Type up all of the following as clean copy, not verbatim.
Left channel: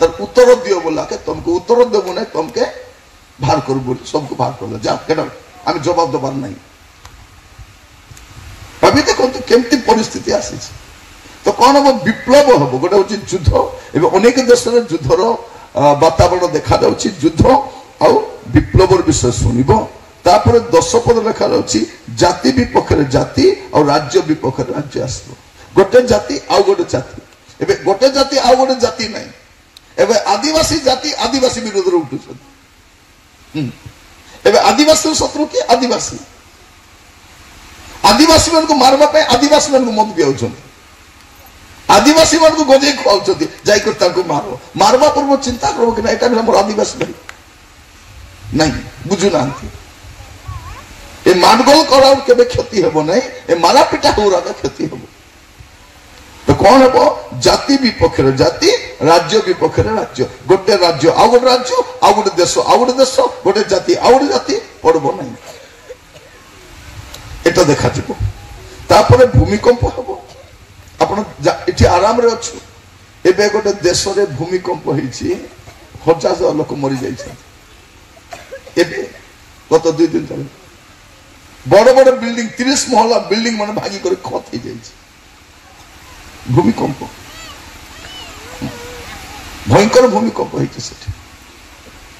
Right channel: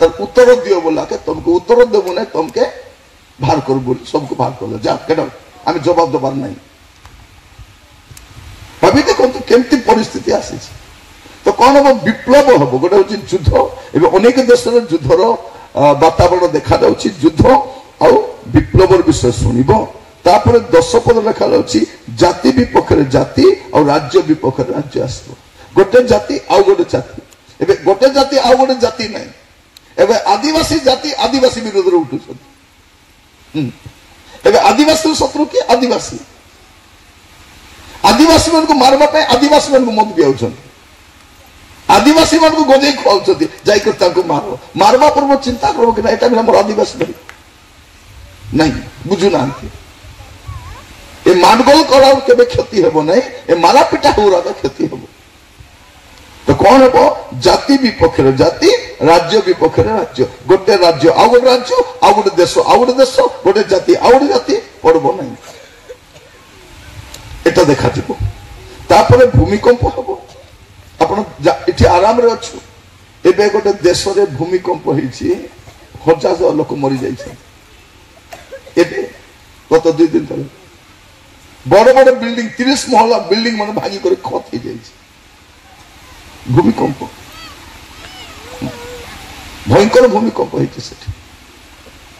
তার উত্তর দিও বলাকে তোমাকে উত্তর দেব না, তোমাকে ভার করব বলে সবকে ভার করলো। যা কেন আমি জবাব দেবার নাই। ভাবি দেখন্তু কেমতি পরিস্থিতি আসিছে। তো কଣ হব? বিপ্লব হব। গোটে হচ্ছে যুদ্ধ। ଏବେ ଅନେକ ଦେଶରେ ଯୁଦ୍ଧର ବାତାବରଣ ଦେଖାଯାଉଛି। ଯୁଦ୍ଧ ଆଉ ବିପ୍ଳବର ବିଷୟ ଶୁଣିବ। ତାପରେ 10 ପଦ ଲେଖାଯାଉଛି ଜାତି ବିପକ୍ଷରେ ଜାତି ଆଉ ରାଜ୍ୟ ବିପକ୍ଷରେ ରାଜ୍ୟ ଆସିବ। ଗୋଟେ ଜାତି ଆଉ ଗୋଟେ ଜାତି। ଏବେ ଗୋଟେ ଜାତି ଆଉ ଗୋଟେ ଜାତି ନାହିଁ। ଏବେ ଆଦିବାସୀ ଜାତି ଆଦିବାସୀ ବିରୋଧରେ ଉଠୁଛନ୍ତି। ଏବେ ଆଦିବାସୀ ଶତ୍ରୁ କିଏ? ଆଦିବାସୀ। ଆଦିବାସୀ ମାନଙ୍କୁ ମାରିବା ପାଇଁ ଆଦିବାସୀ ମାନଙ୍କୁ ମଦ ପିଆଉଛନ୍ତି। आदिवासी मान को गजे खुआउछथि जाइकर ताको मारो। मारवा पूर्व चिंता करो कि एटा हमर आदिवासी भाई नहीं बुझु नांती। ए मारगल करार केबे क्षति हेबो नहीं। ए मारा पिटा होरा क्षति हेबो। तो कौन हेबो? जाति विपक्षरे जाति, राज्य विपक्षरे राज्य। गोटे राज्य आ गोटे राज्य, आ गोटे देश आ गोटे देश, गोटे जाति आ गोटे जाति पड़बो नहीं। एटा देखा जिवो। तापरे भूमिकंप हेबो। आपण इति आराम रे अछि। एबे गोटे देश रे भूमिकंप होईछि 50,000 लोक मरि जाइछे। एबे गत 2 दिन तले बड़ बड़ बिल्डिंग 30 महला बिल्डिंग माने भागी करे खत हो जाइछे। भूमिकंप भयंकर भूमिकंप होईछि सेठी।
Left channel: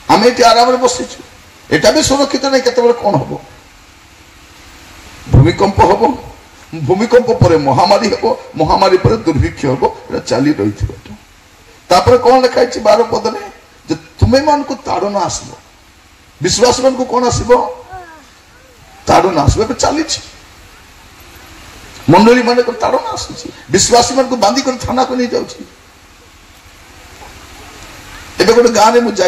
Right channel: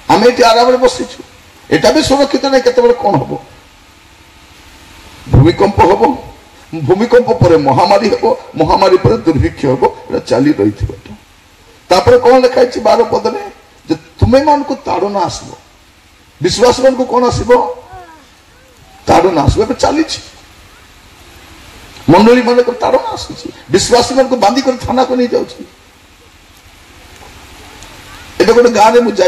हम इति आराम रे बसिछु। एटा भी सुरक्षित नै केते बेले कोन हबो? भूमिकंप हबो। भूमिकंप पर महामारी हम। महामारी पर दुर्भिक्ष हम। चली रही थी। तापर कौन लिखाई 12 पद में जे तुम्हें मान को ताड़ना आसलो। विश्वास मान को कौन आसो? ताड़ना आसो। चली मंडली मान को ताड़ना आसुची। विश्वासी मान को बांधी कर थाना को नहीं जाऊँ। एबे गोटे गाँव में मुझे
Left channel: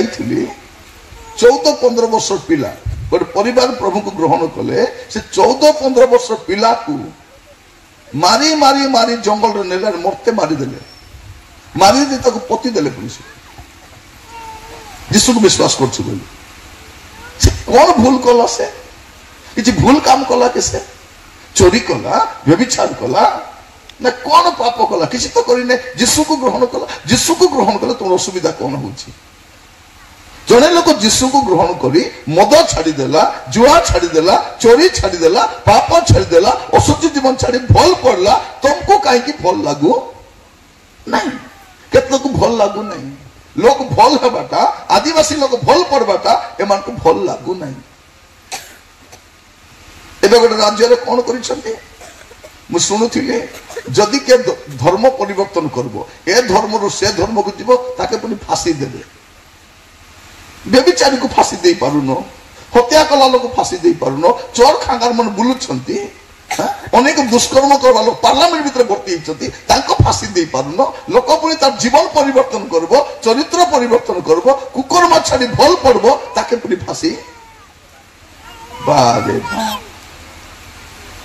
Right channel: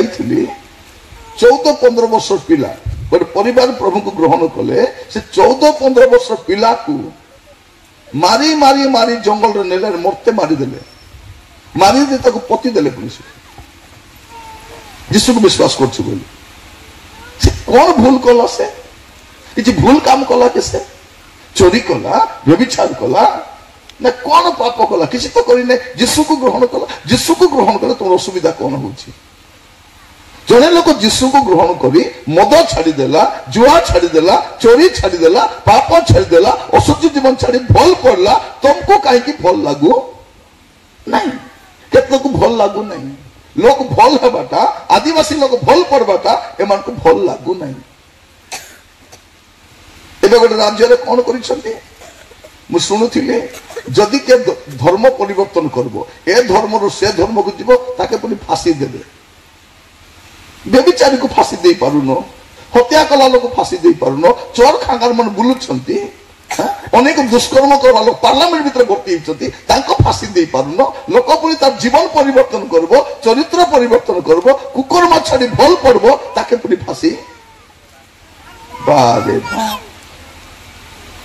14-15 वर्ष पिला गोटे परिवार प्रभु को ग्रहण कले। से 14-15 वर्ष पिला को मारी मारी मारी जंगल रे नेला मरते मारी देले। मारी दे ताको पति देले पुलिस। यीशु को विश्वास करछि बोली। से कोन भूल कला? से किछि भूल काम कला? के से चोरी कला, व्यभिचार कला ना कोन पाप कला? किछि तो करिने। यीशु को ग्रहण कला। यीशु को ग्रहण कले तो असुविधा कोन होछि? जने लोक यीशु को ग्रहण करी मद छाड़ी देला, जुआ छाड़ी देला, चोरी छाड़ी देला, पाप छाड़ी देला, असुचि जीवन छाड़ी भल पड़ला। तुमको कहीं की भल लागू नहीं? केतन को भल लागू नहीं। लोग भल हेबाटा, आदिवासी लोग भल पड़बाटा एमान को भल लागू नहीं। एबे गोटे राज्य रे कोन करिसंती? मु सुनुथिले जदि के धर्म परिवर्तन करबो, ए धर्म रु से धर्म को जीवो ताके पुनी फांसी देबे। व्यभिचारी को फांसी दे पारुन, हत्या कला लोक फांसी दे पारुन, चोर खांगार मन बुलुछंती, अनेक दुष्कर्म करवा लोक पार्लियामेंट भीतर भर्ती होइछंती, तांको फांसी दे पारुन। लोक पुनी तार जीवन परिवर्तन करबो, चरित्र परिवर्तन करबो, कुकर्म छाड़ी भल पड़बो ताके पुनी फांसी। बारे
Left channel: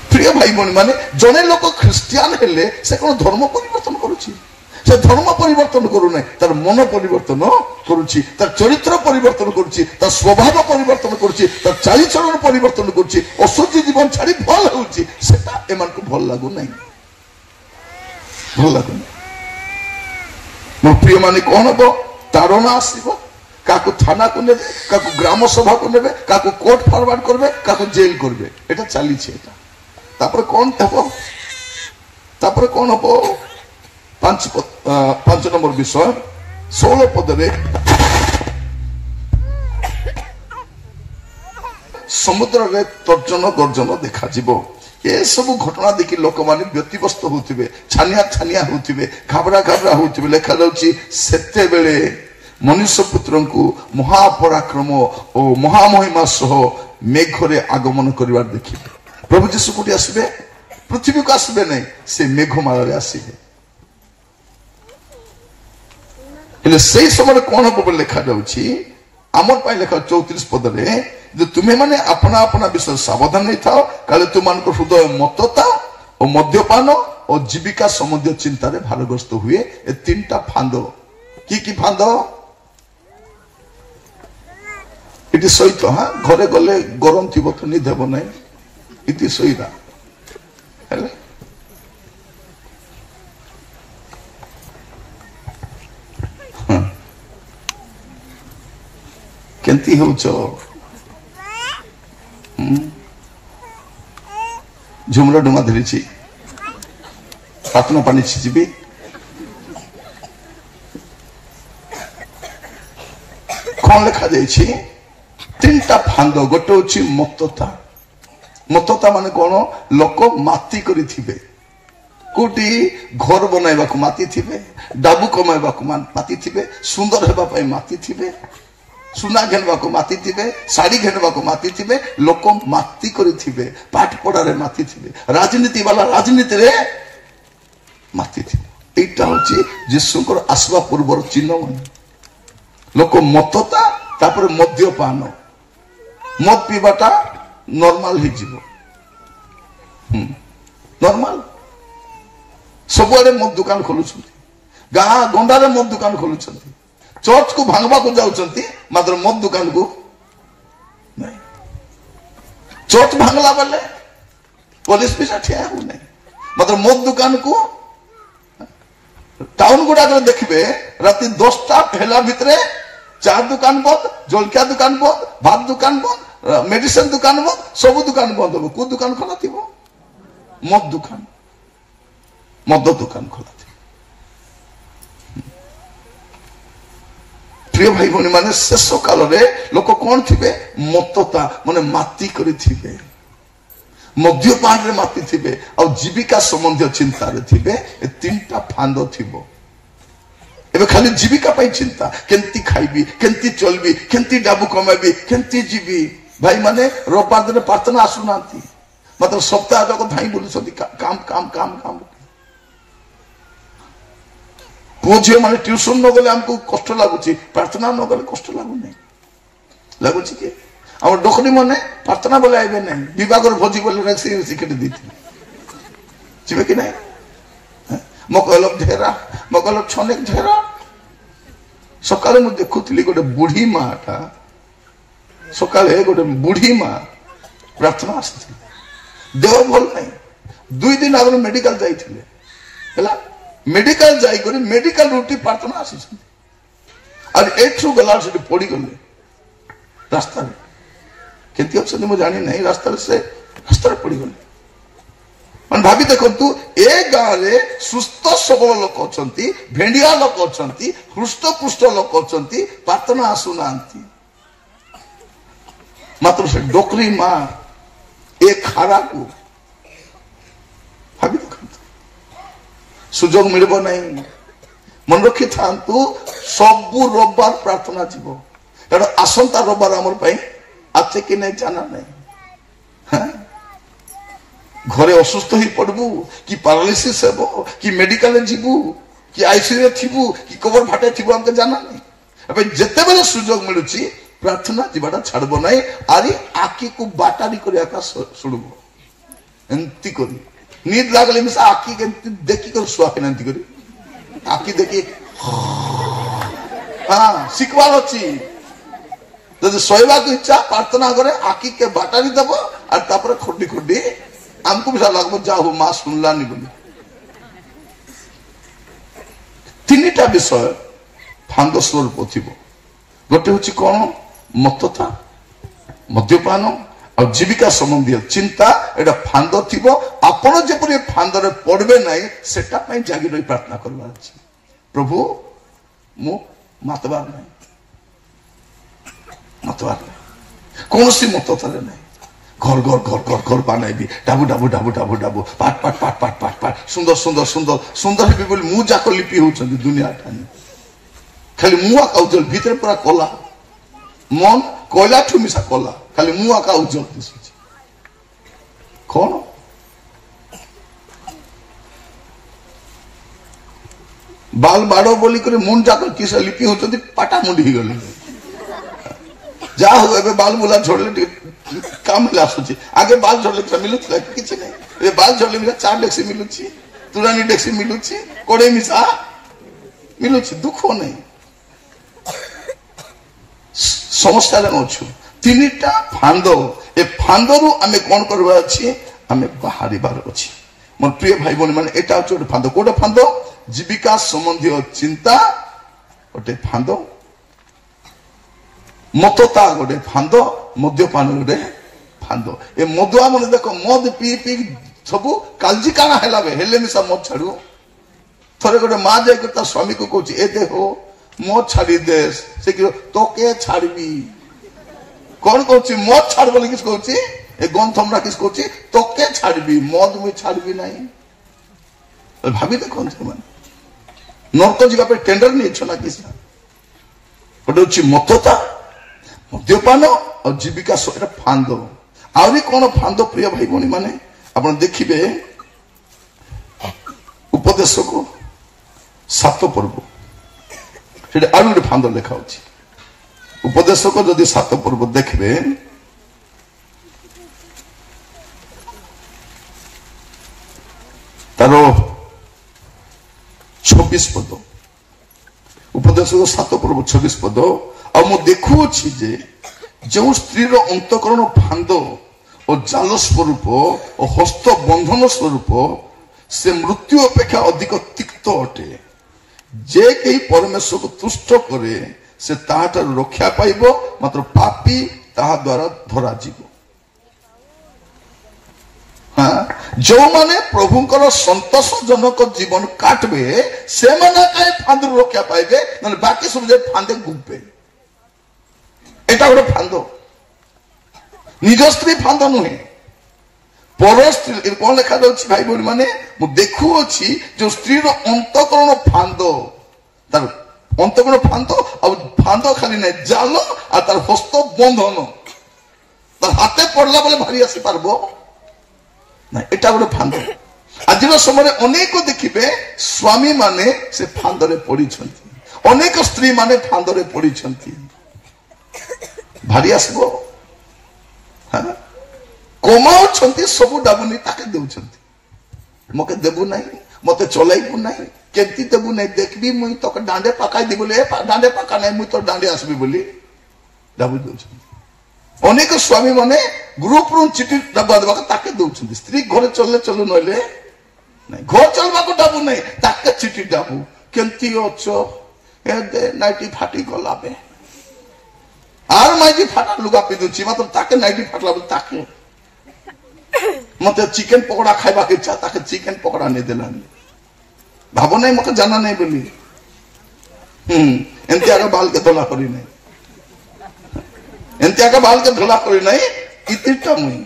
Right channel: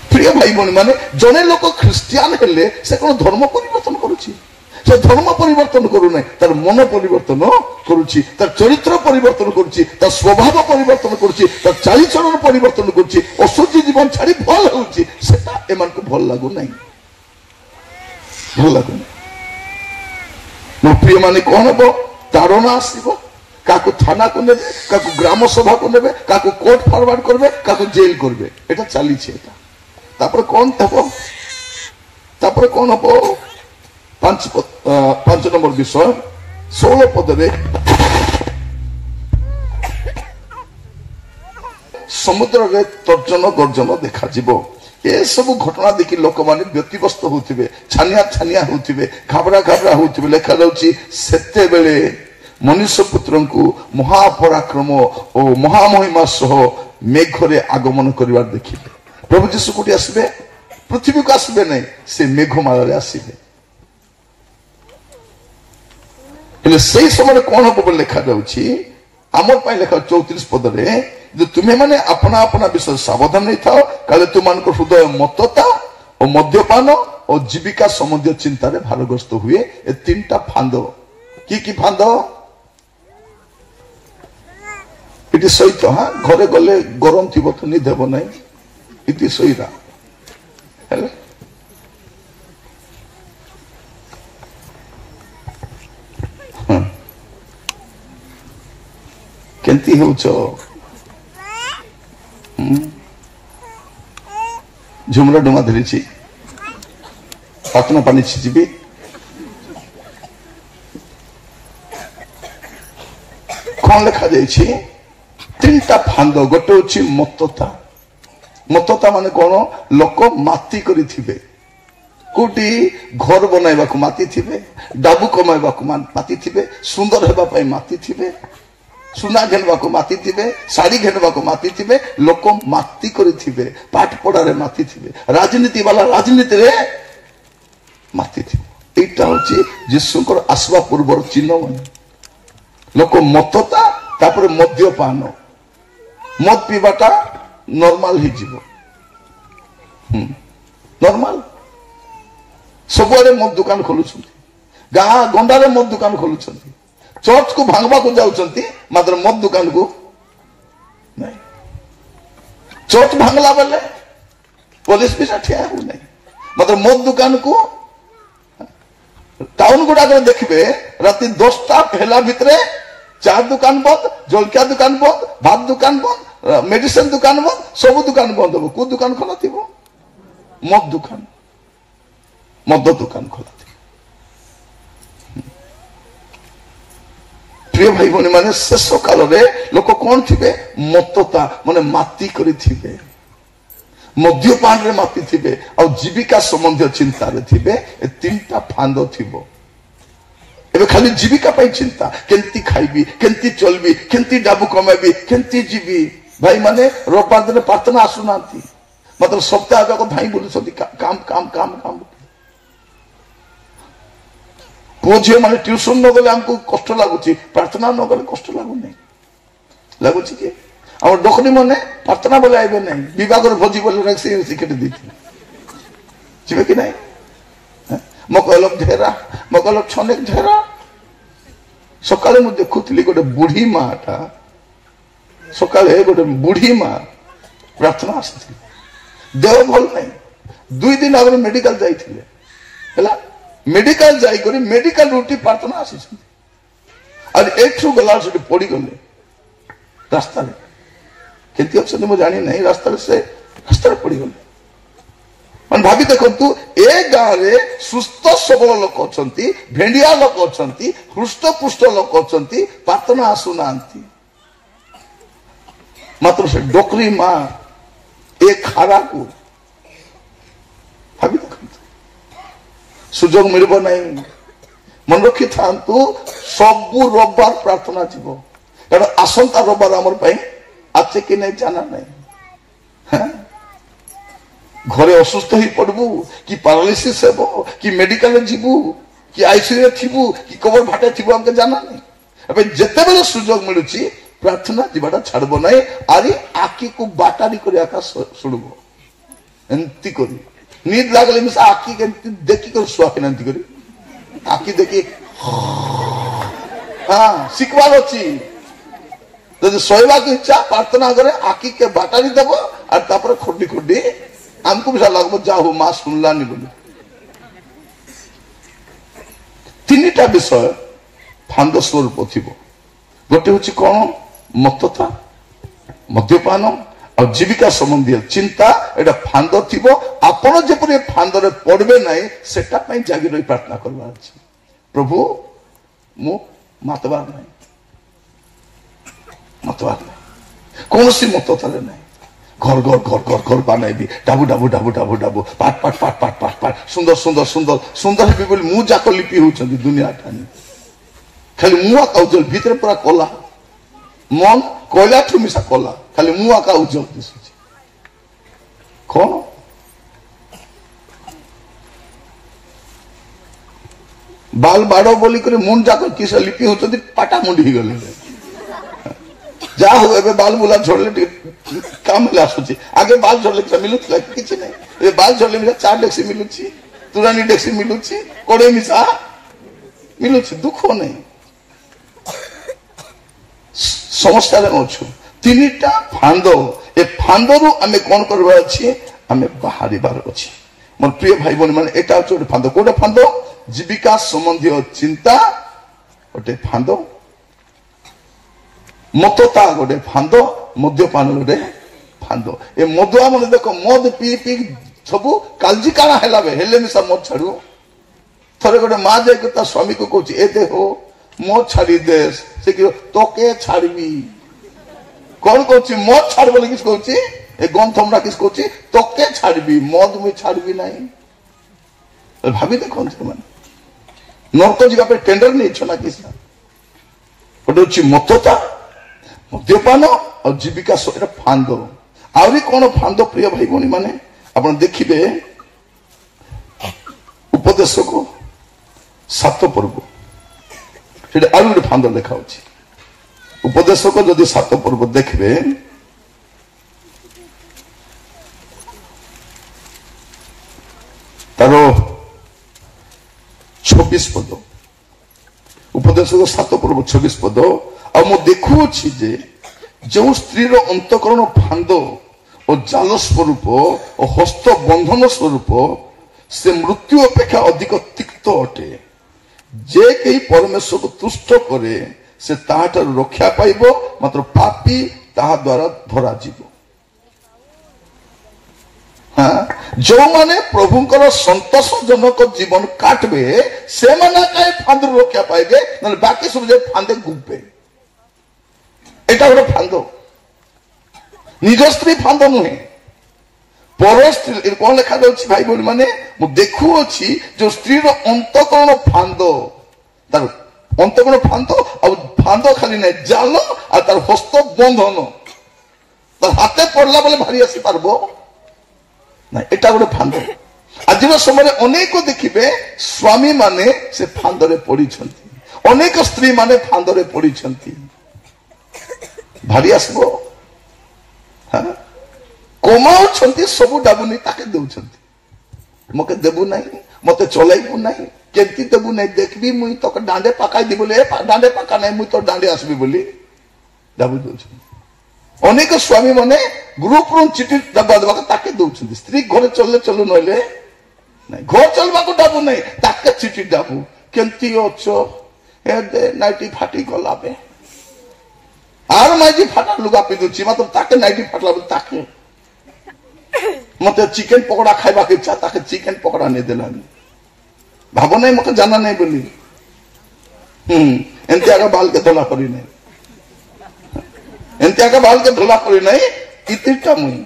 प्रिय भाई बहन माने जने लोक ख्रिस्टियान हेले से कोन धर्म परिवर्तन करूछि? से धर्म परिवर्तन करू नहीं, तार मन परिवर्तन करुछि, तार चरित्र परिवर्तन करुछि, तार स्वभाव परिवर्तन करुछि, तार चालीचलन परिवर्तन करुछि, असुचि जीवन छाड़ी भल होउछि। सेटा एमान को भल लागू नहीं। भल लागू नहीं। मोर प्रिय माने कोन हबो? तारणा आसीबो। काकु थाना को नेबे, काकु ग्राम सभा को नेबे, काकु कोर्ट फॉरवर्ड करबे, काकु जेल करबे। एटा चाली छै। एटा तापर कोन हबो? तापर कोन हबो? 5 नंबर विषय 16 पद रे समुद्र रे तर्जन गर्जन देखा जीवो। ए सब घटना देखि लोक माने व्यतिव्यस्त होथिबे, छानिया छानिया होथिबे, घाबरा घाबरा होथिबे। लेखा जाउची सेते बेले मनुष्य पुत्रंकु महापराक्रम ओ महामहिमा सह मेघरे आगमन करिवार देखिबे। प्रभु यीशु कोठी आसीबे? पृथ्वी को आसीबे नहीं, से मेघमाला रे आसीबे। से समय कौन हम लिखा जाऊँगी आम लिखा 34 पद रे तुम्हें मैंने अपना अपना विषय सावधान नहीं था काले तुम हृदय मतता और मद्यपान और जीविका संबंधी चिंतार भारग्रस्त हुए। ए 3टा फांद कि फांद इति सहित। हाँ घरे गले गरम थी तो निद हेब ना इति सहीरा କେମିତି ହେଉଛ? ଝୁମର ଡୁମା ଧରିଛି, ପ୍ରାର୍ଥନା ପାଣି ଯିବି। କଣ ଲେଖାଯାଇଛି? ତିନିଟା ଫାନ୍ଦ। ଗୋଟେ ହଉଛି ମତ୍ତତା। ମତ୍ତତା ମାନେ କଣ? ଲୋକ ମାତି କରିଥିବେ, କୋଉଠି ଘର ବନାଇବାକୁ ମାତିଥିବେ, ଡାବୁ କମାଇବାକୁ ମାତିଥିବେ, ସୁନ୍ଦର ହେବା ପାଇଁ ମାତିଥିବେ, ସୁନା ଘେନବାକୁ ମାତିଥିବେ, ଶାଢୀ ଘେନବାକୁ ମାତିଥିବେ, ଲୋକ ମାତି କରିଥିବେ, ପାଠ ପଢାରେ ମାତିଥିବେ, ରାଜନୀତି ବାଲା ରାଜନୀତିରେ ମାତିଥିବେ। এইটা হচ্ছে ଯୀଶୁଙ୍କର ଆସିବା ପୂର୍ବର ଚିହ୍ନ। ଲୋକ ମତ୍ତତା, ତାପରେ ମଦ୍ୟପାନ। ମଦ ପିଇବାଟା ନର୍ମାଲ ହେଇଯିବ, ନର୍ମାଲ। ସବୁଆଡେ ମଦ ଦୋକାନ ଖୋଲୁଛନ୍ତି, ଗାଁ ଗଣ୍ଡାରେ ମଦ ଦୋକାନ ଖୋଲୁଛନ୍ତି, ଚର୍ଚ୍ଚକୁ ଭାଙ୍ଗବାକୁ ଯାଉଛନ୍ତି, ମାତ୍ର ମଦ ଦୋକାନକୁ ନାଇଁ। ଚର୍ଚ୍ଚ ଭାଙ୍ଗଲା ବେଲେ ପୋଲିସ ବି ଠିଆ ହେଉନାହିଁ, ମାତ୍ର ମଦ ଦୋକାନକୁ ଟାଉନ ଗୁଡାକରେ ଦେଖିବେ ରାତି 10ଟା ହେଲା ଭିତରେ ଚା ଦୋକାନ ବନ୍ଦ, ଜଳଖିଆ ଦୋକାନ ବନ୍ଦ, ଭାତ ଦୋକାନ ବନ୍ଦ, ମେଡିସିନ ଦୋକାନ ବନ୍ଦ, ସବୁ ଦୋକାନ ବନ୍ଦ ହବ। କୋଉ ଦୋକାନ ଖୋଲା ଥିବ? ମଦ ଦୋକାନ, ମଦ ଦୋକାନ ଖୋଲା ଥିବ। ପ୍ରିୟ ଭାଇ ଭଉଣୀ ମାନେ, ଶେଷ କାଳରେ ଲୋକ କଣ ଥିବେ? ମତ୍ତତା ମାନେ ମାତି କରିଥିବେ, ମଦ୍ୟପାନରେ ମାତିଥିବେ, ଆଉ ଜୀବିକା ସମ୍ବନ୍ଧୀୟ ଚିନ୍ତାରେ ଥିବେ। ଏ ତିନିଟା ଫାନ୍ଦ ଥିବ। ଏବେ ଖାଲି ଜୀବିକା ପାଇଁ ଚିନ୍ତା, କେମିତି ଖାଇବି, କେମିତି ଚଳିବି, କେମିତି ଡାବୁ କମାଇବି, କେମିତି ଯିବି। ଭାଇ ମାନେ ରବିବାର ଦିନ ପ୍ରାର୍ଥନା ଆସୁନାହାନ୍ତି, ମାତ୍ର ସପ୍ତାହ ଯାକ ଧାଇଁ ବୁଲୁଛନ୍ତି କାମ କାମ କାମ କାମ। ପୁଅ ଝିଅ ମାନେ ଟ୍ୟୁସନ ନ ଗଲେ ଆମକୁ କଷ୍ଟ ଲାଗୁଛି, ପ୍ରାର୍ଥନା ନ ଗଲେ କଷ୍ଟ ଲାଗୁନାହିଁ। ଲାଗୁଛି କି ଆମ ଡକରୀ ମାନେ ପ୍ରାର୍ଥନା ବେଲେ ଆଇବେ ନାହିଁ, ବିବାହର ଭୋଜି ବୋଲେ ସେଠି ଦେଇଥିଲେ, ଯିବେ କି ନାହିଁ? ମକଲବ ଢେରା, ମକଲବ ଛନେକ ଢେରା। ସକାଳେ ମୁଁ ଦେଖୁଥିଲି ଗୋଟେ ବୁଢୀ ମାଟା, ସକାଳେ ଗୋଟେ ବୁଢୀ ମା ପ୍ରାର୍ଥନା ଆସିଥିଲେ, ଦେହ ଭଲ ନାହିଁ, 2 ଦିନ ଆଗରୁ ମେଡିକାଲ ଯାଇଥିଲେ ହେଲା। ମେଡିକାଲ ଯାଇକରି ମେଡିକାଲ ରୁଟି ପ୍ରାର୍ଥନା ଆସିଛନ୍ତି, ଆଉ ଏଠୁ ଗଲା ସେଠି ପଡିଗଲେ ରାସ୍ତାରେ। କେମିତି ଅଛନ୍ତି ମୁଁ ଜାଣି ନାହିଁ, ରାସ୍ତାରେ ପଡିଗଲେ। ମାନେ ଭାବି ଦେଖନ୍ତୁ, ଏ ଗାଁରେ ସୁସ୍ଥ ସବଳ ଲୋକ ଅଛନ୍ତି, ଭେଣ୍ଡିଆ ଲୋକ ଅଛନ୍ତି, ହୃଷ୍ଟପୁଷ୍ଟ ଲୋକ ଅଛନ୍ତି, ପ୍ରାର୍ଥନା ଆସୁନାହାନ୍ତି, ମାତ୍ର ସେ ଡୋକରୀ ମା ଏ ଖାରାକୁ ଭାବି ଦେଖନ୍ତୁ। ସୁଯୋଗ ମିଳିବ ନାହିଁ। ମନେ ରଖିଥାନ୍ତୁ, ସବୁ ରବିବାର ପ୍ରାର୍ଥନା ଯିବ, କାରଣ ଆସନ୍ତା ରବିବାର ଆମର ପାଇଁ আছে କି ନାହିଁ ଜାନା ନାହିଁ। ଘରେ ଅସୁସ୍ଥ ହେଇ ପଡିବୁ, କି ପାରାଲିସିସ୍ ହେବ, କି ମେଡିକାଲରେ ଯିବୁ, କି ଆଇସିୟୁରେ ଥିବୁ, କି କବର ଭାଟେ ଥିବୁ, ଆମକୁ ଜାନା ନାହିଁ। ଏବେ ଯେତେବେଳେ ସୁଯୋଗ ମିଳୁଛି ପ୍ରାର୍ଥନା ଯିବାଟା ଛାଡିବ ନାହିଁ। ଆରି ଆଖିକୁ ବାଟାରି କରି ଆକା ଶୁଣିବ, ଏମିତି କରି ନିଦ ଲାଗିଲେ ମିଶା ଆଖି କେମିତି ଦେଖିକରି ଶୁଆକେ ଏମିତି କରି ଆଖି ଦେଖି ଶିଖବାର ଅଛି। ଯଦି ଶୋଇବାକୁ ଇଚ୍ଛା ପ୍ରାର୍ଥନା କରେ, ଆଖି କେ ବାଟାରି ଦେବ, আর তারপরে খুঁটি খুঁটি ଆମକୁ ବି ଲାଗବ ଯା ହଉ ମା ଶୁଣିଲାନି ବୋଲି। ତିନିଟା ବିଷୟ ଫାନ୍ଦ ସ୍ୱରୂପ ଥିବ। ଗୋଟେ ହଉଛି କଣ? ମତ୍ତତା, ମଦ୍ୟପାନ ଆଉ ଜୀବିକା ସମ୍ବନ୍ଧୀୟ ଚିନ୍ତା। ଏଟା ଫାନ୍ଦ ଥିବ। ଆପଣ ଯେପରି ଫାନ୍ଦରେ ପଡିବେ ନାହିଁ ସେଟା ପାଇଁ ଜାଗି ରହି ପ୍ରାର୍ଥନା କରିବାର ଅଛି। ପ୍ରଭୁ ମୁଁ ମାତବାର ନାହିଁ, ମାତବାର ନାହିଁ, କୌଣସି ମତ୍ତତାରେ ନାହିଁ। ঘর ঘর ঘর ঘর ঘর বানাইবি, ডাবু ডাবু ডাবু ডাবু ডাবু, পাট পাট পাট পাট পাট পাট, সুন্দর সুন্দর সুন্দর সুন্দর হেবি বলে ମୁଁ ଯାକ ଲିପି ହଉଛନ୍ତି ଦୁନିଆ ଠାନେ। ଖାଲି ମୁଁ ଆକା ଉଜ୍ଜଳ, ଭିତରେ ପୁରା କଲା, ମନ କଇଲାଠୁ ମିଶା କଲା, ଖାଲି ମୁଁ ଆକା ଉଜ୍ଜଳ ଦିଶୁଛି। କଣ ବାଲ ବାଡ ବୋଲିକରି ମନ ଯାକ କିସ ଲିପି ହଉଛନ୍ତି, ପାଟା ମୁଣ୍ଡି ହେଇଗଲେ। ଯାହା ହଉ ଏବେ ବାଲ ବୁଲା ଝଡ଼ିଲେ ଟିକେ କାମ ହେଲେ ଆସୁଛି। ଆଗେ ବାଲ ଝଡ଼ିଲେ ମିଳୁଥିଲା କିଛି ନାହିଁ। ଏବେ ବାଲ ଝଡ଼ିଲେ ମିଳେ 4 ଡେକ୍ସି ମିଳୁଛି, ତୁରାଣୀ ଡେକ୍ସି ମିଳୁଛି, କଡେଇ ମିଶା ମିଳୁଛି, ଦୁଃଖ ନାହିଁ। ସମସ୍ୟାରେ ଅଛୁ। ତିନିଟା ଫାନ୍ଦ, ଏ ଫାନ୍ଦରୁ ଆମେ କଣ କରିବାର ଅଛି? ଆମେ ବାହାରିବାର ଅଛି। ମୋ ପ୍ରିୟ ଭାଇ ଭଉଣୀ ମାନେ, ଏଟା ହଉଛି ଗୋଟେ ଫାନ୍ଦ। କୋଉଟା ଫାନ୍ଦ? ଜୀବିକା ସମ୍ବନ୍ଧୀୟ ଚିନ୍ତା ଗୋଟେ ଫାନ୍ଦ। मतता गोटे फांद मद्यपान गोटे फांद ए मदुआ मैंने देख मद पी पी सब कालजी काना है हेले मिसा मद छाड़ू थरे गोटे माँ जाकर स्वामी को कौच ए दे हो मद छाड़ी दे से तोके छाड़बी कौन कौच मद छाड़ बोले किस कौच ए गम थमरा किस कौच तोके छाड़बी मद मुझे छाड़बी नहीं भाभी देखो नर्क जावाई टेंडर नहीं छना किस गोटे मतता मद्यपान और जीविका फांद आहरी कौन फांद प्रिय भाई भौणी माने आप देखिए उपदेश को 7 पर्व से गोटे फांद लेखा उपदेश को जदि 7 पर्व देखिए तार 26 पद उपदेश को 7 पर्व 26 पद आ मु देखुछि जे जो स्त्री अंतकरण फांद और जाल स्वरूप और हस्त बंधन स्वरूप से मृत्यु अपेक्षा अधिक तिक्त अटे जे कई परमेश्वर को तुष्ट करे से ताहार रक्षा पाइब मात्र पापी ताहा द्वारा धरा जीव जो माने प्रभुंकर संतोषजनक जीवन काटबे से माने कई फांद रक्षा पाइबे न बाकी सब जे फांदे गुब्बे एटा गोटे फांद निज स्त्री फांद नुहे पर स्त्री कौन लिखा जाऊँ भाई बोली माने देखुअछि जो स्त्री अंतकरण फांद तार अंतकरण फांद आ फांद खाली नहीं जाल आ तार हस्त बंधन तार हाथे पड़ला बेले भारी आसी पारबो ना एटा गोटे फांद आज समय अनेक देखिए स्वामी माने से फांदरे पड़ी अनेक स्त्री माने फांदरे पड़ी भारी आसब कमाउं सब डाबुनी ताके देउछंती मके देबु नहीं मते चलाइबु नहीं केमती देबु नहीं देखबी मुई तो डांडे पकाई दी बोले डांडे पका नहीं मुई तो डांडे आसबी बोली डाबु देउछंती अनेक स्वामी माने ग्रुप रु चिठी डबा दबा ताके देउछंती स्त्री घर चलले चलु नले नहीं घर चलबा को डाबु नहीं ताके चिठी डाबु केमती अछो ए दे नाइटी फाटी गला बे आर नाइटी फाटा लुगा पिंदुची मतलब ताके नाइटी फाटला ताके मत चिकेन पकोड़ा खाइबा के इच्छा ताके चिकेन पकोड़ा नहीं देलानी भाव नहीं मत जाना नहीं बोली एंती आगे बाल के धोला करी नहीं एंती आगे बाल के धोला करी नहीं इतिटा मुई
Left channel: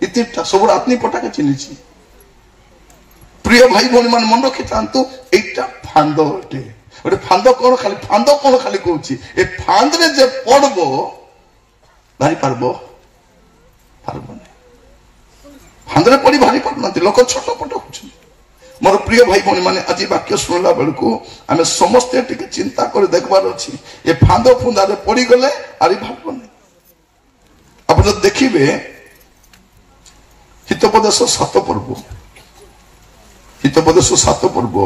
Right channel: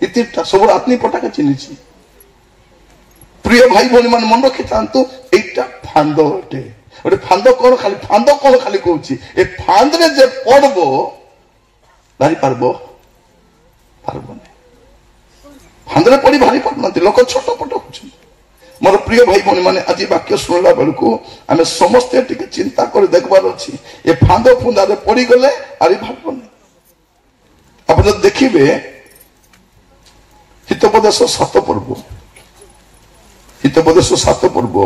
इतिटा सब आत्मी पटा के चिन्हिछि प्रिय भाई भौणी मान मन रखी थांतु एटा फांद अटे गोटे फांद कौन खाली कहूँ ए फांद रे जे पड़बो भारी पारबो पारबो फांदरे पड़ी भारी पारना लोक छटपट हो मोर प्रिय भाई भौणी मैंने आज वाक्य शुणला बेलू आम समस्ते टिके चिंता कर देखबार अच्छी ए फांद फुंदारे पड़ी गले आरी भाव नहीं आप देखिए हितोपदेश 7 पर्व हितोपदेश 7 पर्व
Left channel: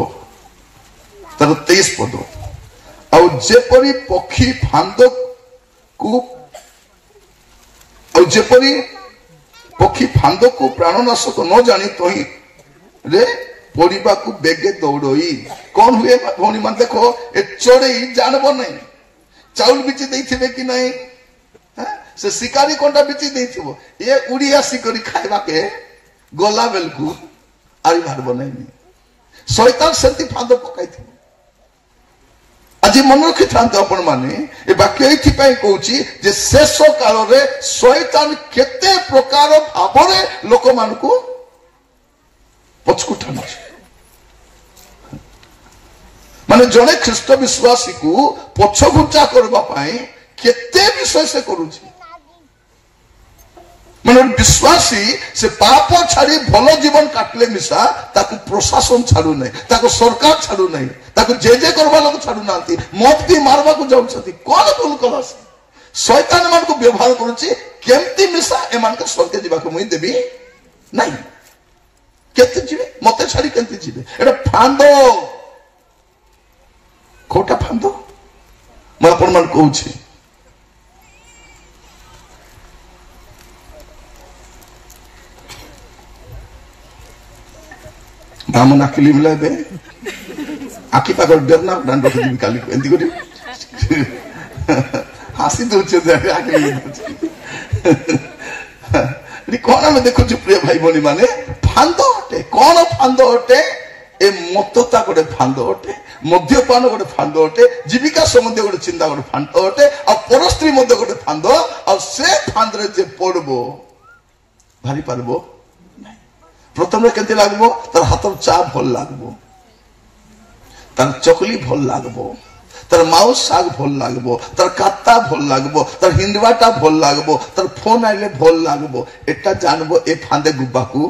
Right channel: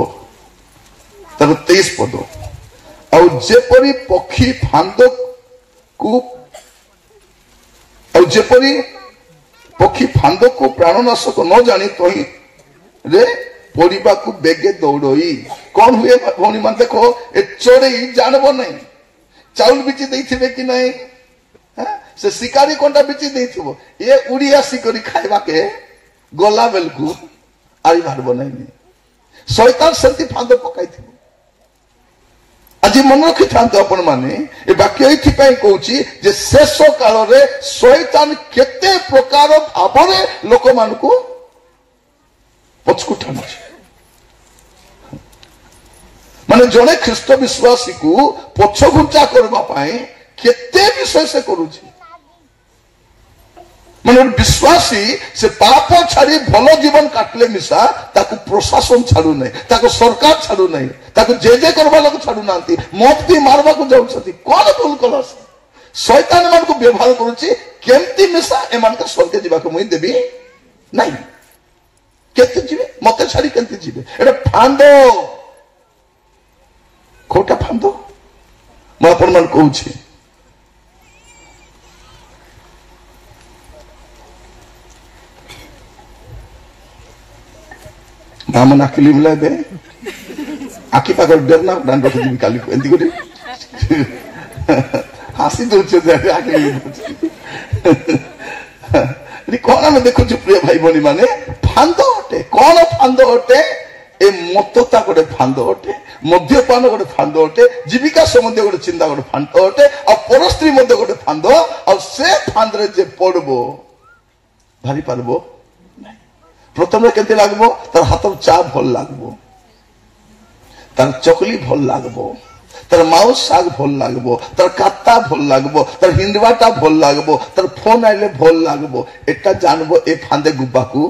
तार 23 पद आजेपरी पक्षी फांद को जेपरी पक्षी फांद को प्राणनाशक न जानी तही रे पड़वा को बेगे दौड़ई कौन हुए भौणी मान देखो ए चढ़ई जानब नहीं चाउल बिची देथिबे कि नहीं से शिकारी कंटा बिची देथिबो ए उड़ी आसी करी खाइबा के गला बेलकू आरी भारब नहीं शैतान सेंती फांद पकाई थी आज मन रखी था आपण माने ए वाक्य ये कहूँ शेष काल रे शैतान केते प्रकार भाव लोक मान को पछकु टाणु माने जड़े ख्रीष्ट विश्वासी को पछघुंचा करने केते विषय से करुछि माने विश्वासी से पाप छाड़ी भल जीवन काटले मिसा ताकू प्रशासन छाड़ू नहीं ताकू सरकार छाड़ू नहीं ताकू जे करवा लोग छाड़ू ना मत भी मारवा को जाऊँ कौन भूल कला शैतान मान को व्यवहार करुच्ची केमती मिसा एमान को स्वर्ग जावाक मुई देवी नहीं केते जीवे मते छाड़ी केमती जीवे एटा फांद खोटा फांद मैं आपण मान कहूँ मामन आखिली मिला दे आखि पाकर डरना दान रखी काली एंती गोटे हासी दौचे कौन आम देखु प्रिय भाई भौणी मैंने फांद अटे कौन फांद अटे ए मतता गोटे फांद अटे मद्यपान गोटे फांद अटे जीविका संबंधी गोटे चिंता गोटे फांद अटे आ परस्त्री गोटे फांद से फांदे जे पड़बो भारी पारबो प्रथम केमती लगबो तार हाथ चा भल लगबो तार चकली भल लगबो तार माउस शाग भल लगबो तार काता भल लगबो तार हिंदवाटा भल लगबो तार फोन आइले भल लगबो एटा जानबो ए फांदे गुब्बाकू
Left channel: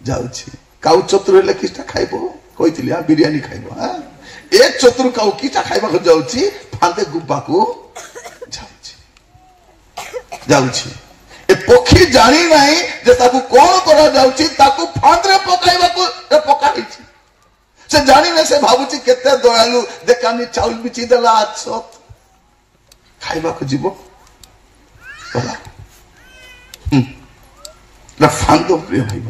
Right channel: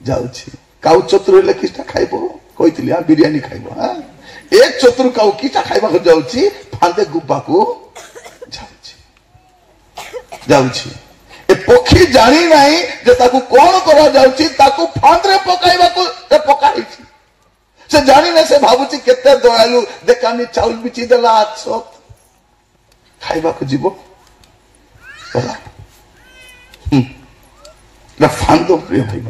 जाउछि काउ चतुर हेले किछटा खाइबो कहितली आ बिरयानी खाइबो हां ए चतुर काउ किछटा खाइबा को जाउछि फांदे गुब्बाकू जाउछि ए पक्षी जानी नहीं जे ताकू कोन करा जाउछि ताकू फांदरे पकाइबा को पकाइछि से जानी ना से भाबुची केते दयालु देखानी चाउल बिची देला आछत खाइबा को जीवो ना फांदो प्रिय भाई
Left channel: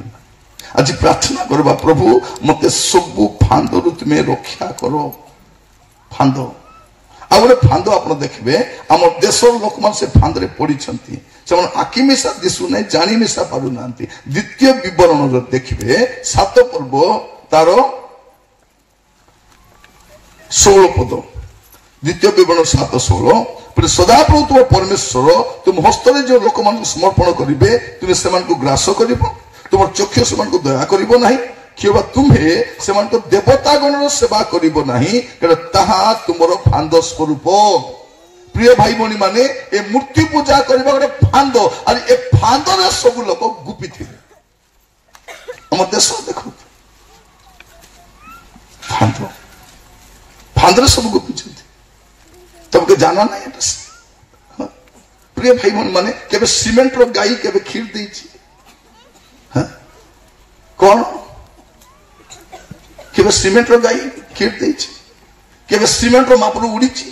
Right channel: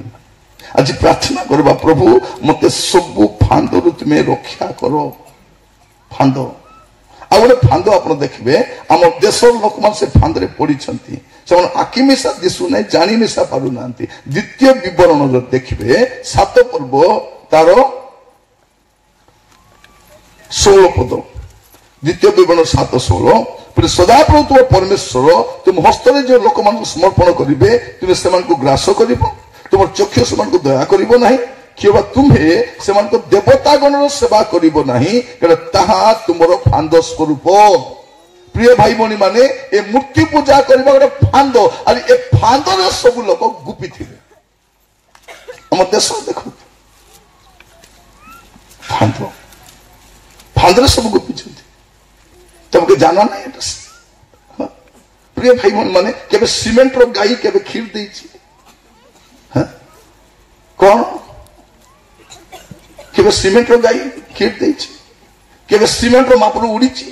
आज प्रार्थना करबा प्रभु मते सब फांदो तुम्हें रक्षा करो फांदो आ गोटे फांद आप देखिए आम देशर लोक मान से फांदे पड़ी से आखि मिशा दिशु ना जानी मिशा पार ना द्वितीय विवरण देखिए 7 पर्व तार 16 पद द्वितीय विवरण 7:16 फिर सदाप्रभु तुम परमेश्वर तुम हस्तरे जो लोक मान समर्पण करेंगे तुम्हें से ग्रास कर तुम चक्षु से दया कर किबा तुम्हें से देवता गण सेवा करिबो नहीं ताहा तुमर फांद स्वरूप प्रिय भाई भौणी माने ए मूर्ति पूजा करबा गोटे फांद और ए फांद रे सब लोक गुपी थिले हम देश देखो फांद फांद रे सब गुपी छथि तुमके जाना नहीं प्रिय भाई भौणी माने केबे सीमेंट रो गाई केबे खीर देछि हां कोन केवल सीमेंट रो गाई खीर देछि केवल सीमेंट रो मापरू उड़ीछि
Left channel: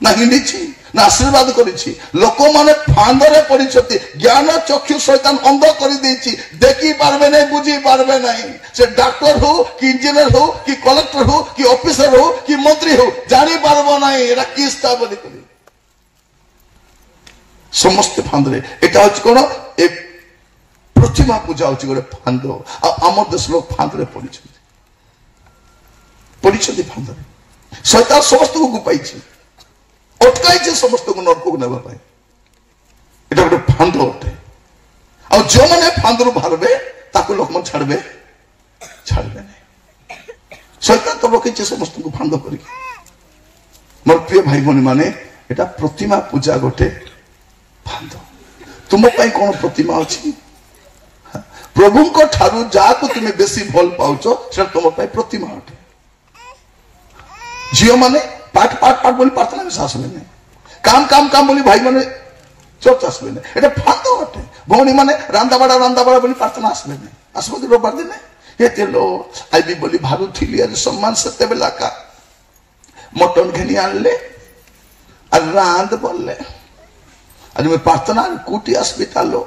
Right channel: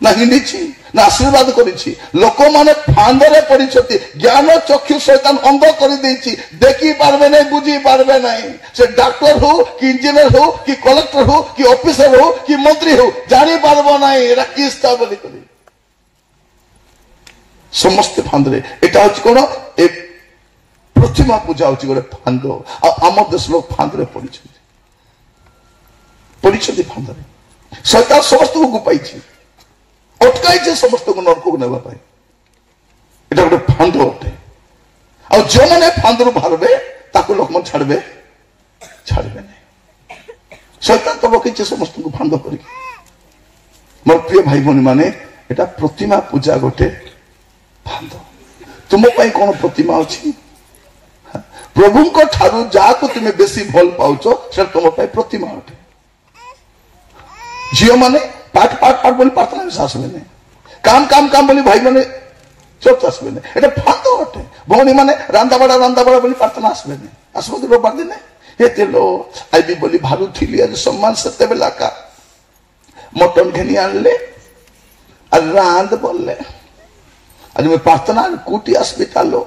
ना हिंडीछि ना आशीर्वाद करिछि लोक माने फांदरे पड़िछथि ज्ञान चक्षु शैतान अंध कर देछि देखि पारबे नहीं बुझी पारबे नहीं से डॉक्टर हो कि इंजीनियर हो कि कलेक्टर हो कि ऑफिसर हो कि मंत्री हो जानी पारबो नहीं एरा किस्ता बोली करी समस्त फांदरे एटा होछि कोन ए प्रतिमा पूजा होची गोटे फांद आम देश लोग फांदरे पड़ी फांदरे शैतान समस्त को गुपाई अटकाई समस्त को नरक को नेबा पाई एटा गोटे फांद अटे आ जो माने फांदरु बाहरबे ताको लोक मन छाड़बे नहीं शैतान तो रखी समस्त को फांद करी मोर प्रिय भाई भौणी माने एटा प्रतिमा पूजा गोटे फांद तुम पाई कोन प्रतिमा अछि प्रभु को ठारू जाको तुम्हें बेसी भल पाउछ से तुम प्रतिमा अटे झील मैंने पाठ बोली प्रार्थना में आसबे नहीं काम बोली भाई मैंने चर्च आसबे नहीं एटा फांद अटे भौणी मैंने रांदा बड़ा बोली प्रार्थना आसबे नहीं आसबे रविवार दिन ये तेलो आईबी बोली भावुली आज सम्मान सत्य बेला का मटन घेनी आनले आज रांद बोलले आज मैं प्रार्थना कूटी आसबी तालो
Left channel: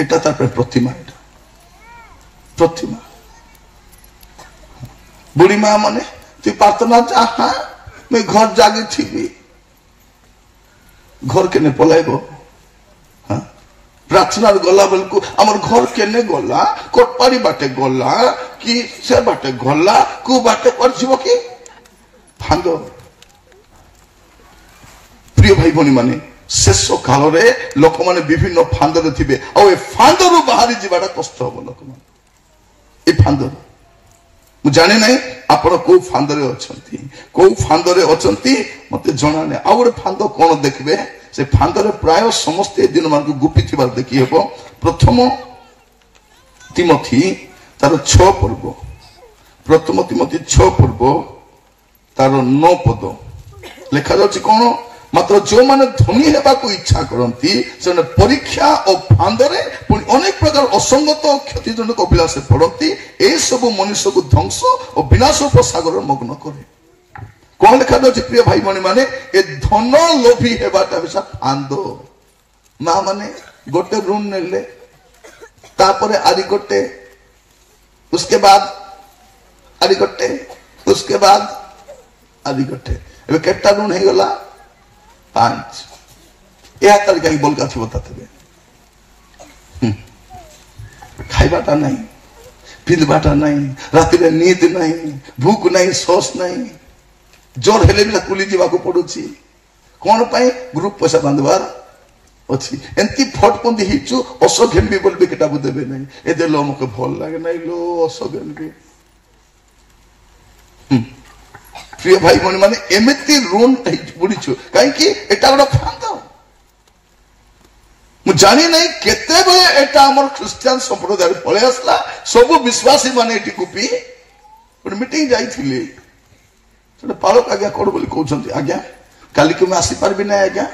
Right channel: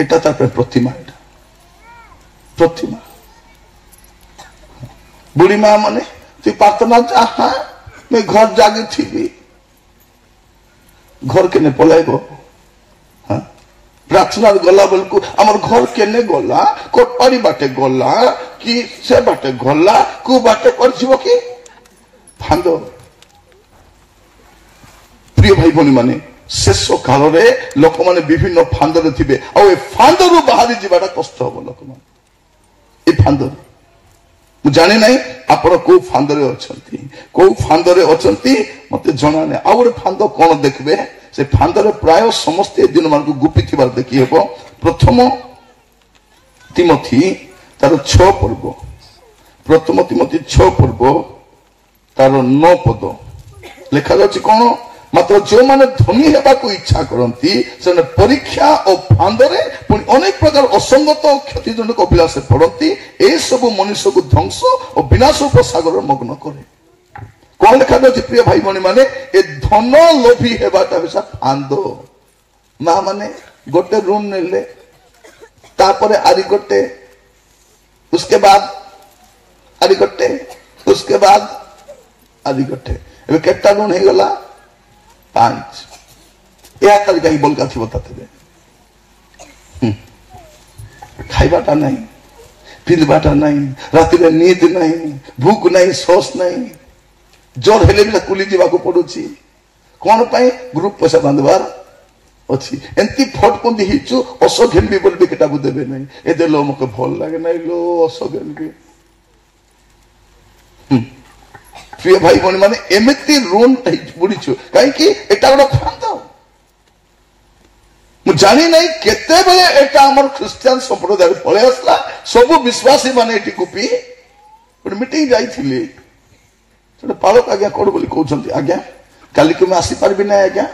এটা তার प्रतिमा बुढ़ी माँ माने तु प्रार्थना चाहा मैं घर जागी थी घर के पलाइब हाँ प्रार्थना गला बेलू आम घर केने गला कोटपाड़ी बाटे गला कि से बाटे गला कु बाटे कर कि फांद प्रिय भाई भौणी माने शेष काल लोक मैंने विभिन्न फांदरे थे फांदर बाहरी जावाटा कष्ट हम लोक मैंने फांदर जाने ना आपण कौ फांदरे अच्छा मत जना नहीं आ गए फांद कौन देखिए से फांदरे प्राय समस्त दिन मान गुपी थी देखी हे प्रथम तिमोथी तार 6 पर्व प्रथम तिमोथी 6 पर्व तार 9 पद लिखा जाउछि कौन मात्र जो माने धनी हेबा को इच्छा करती से परीक्षा और फांदरे अनेक प्रकार असंगत और क्षतिजनक अभिलाष पड़ती ए सब मनुष्य को ध्वंस और विनाश उपसागर मग्न करे कौन लिखा जाए प्रिय भाई भौणी माने ए धन लोभी हेबाटा बेसा फांद ना माने गोटे ऋण नेले तापरे आरी गोटे उसके बाद आरी गोटे उसके बाद आरी गोटे ଏବେ କେତେଟା ଋଣ ହେଇଗଲା 5 ଏହା ତାର କାହିଁ ବଲକା ଥିବ ତାଥିରେ ଖାଇବାଟା ନାହିଁ ପିନ୍ଧବାଟା ନାହିଁ ରାତିରେ ନିଦ ନାହିଁ ଭୁକ ନାହିଁ ଶୋଷ ନାହିଁ ଜୋର ହେଲେ ବି କୁଲି ଯିବାକୁ ପଡୁଛି କଣ ପାଇଁ ଗ୍ରୁପ ପଇସା ବାନ୍ଧବାର ଅଛି ଏମିତି ଫଟକନ୍ଦି ହେଇଛୁ ଅସ ଘେନବି ବୋଲି କେଟାକୁ ଦେବେ ନାହିଁ ଏ ଦେଲ ମତେ ଭଲ ଲାଗେ ନାହିଁ लो ଅସ ଘେନବି ପ୍ରିୟ ଭାଇ ଭଉଣୀ ମାନେ ଏମିତି ଋଣ ବୁଡିଛୁ କାହିଁକି ଏଟା ଗୋଟେ ଫାନ୍ଦ ମୁଁ ଜାଣି ନାହିଁ କେତେବେଳେ ଏଟା ଆମର ଖ୍ରୀଷ୍ଟିଆନ ସମ୍ପ୍ରଦାୟ ପଳେଇ ଆସିଲା ସବୁ ବିଶ୍ୱାସୀ ମାନେ ଏଠି କୁପି ଗୋଟେ ମିଟିଂ ଯାଇଥିଲେ ସେଟା ପାଳକ ଆଜ୍ଞା କଣ ବୋଲି କହୁଛନ୍ତି ଆଜ୍ଞା କାଲିକୁ ମୁଁ ଆସିପାରିବି ନାହିଁ ଆଜ୍ଞା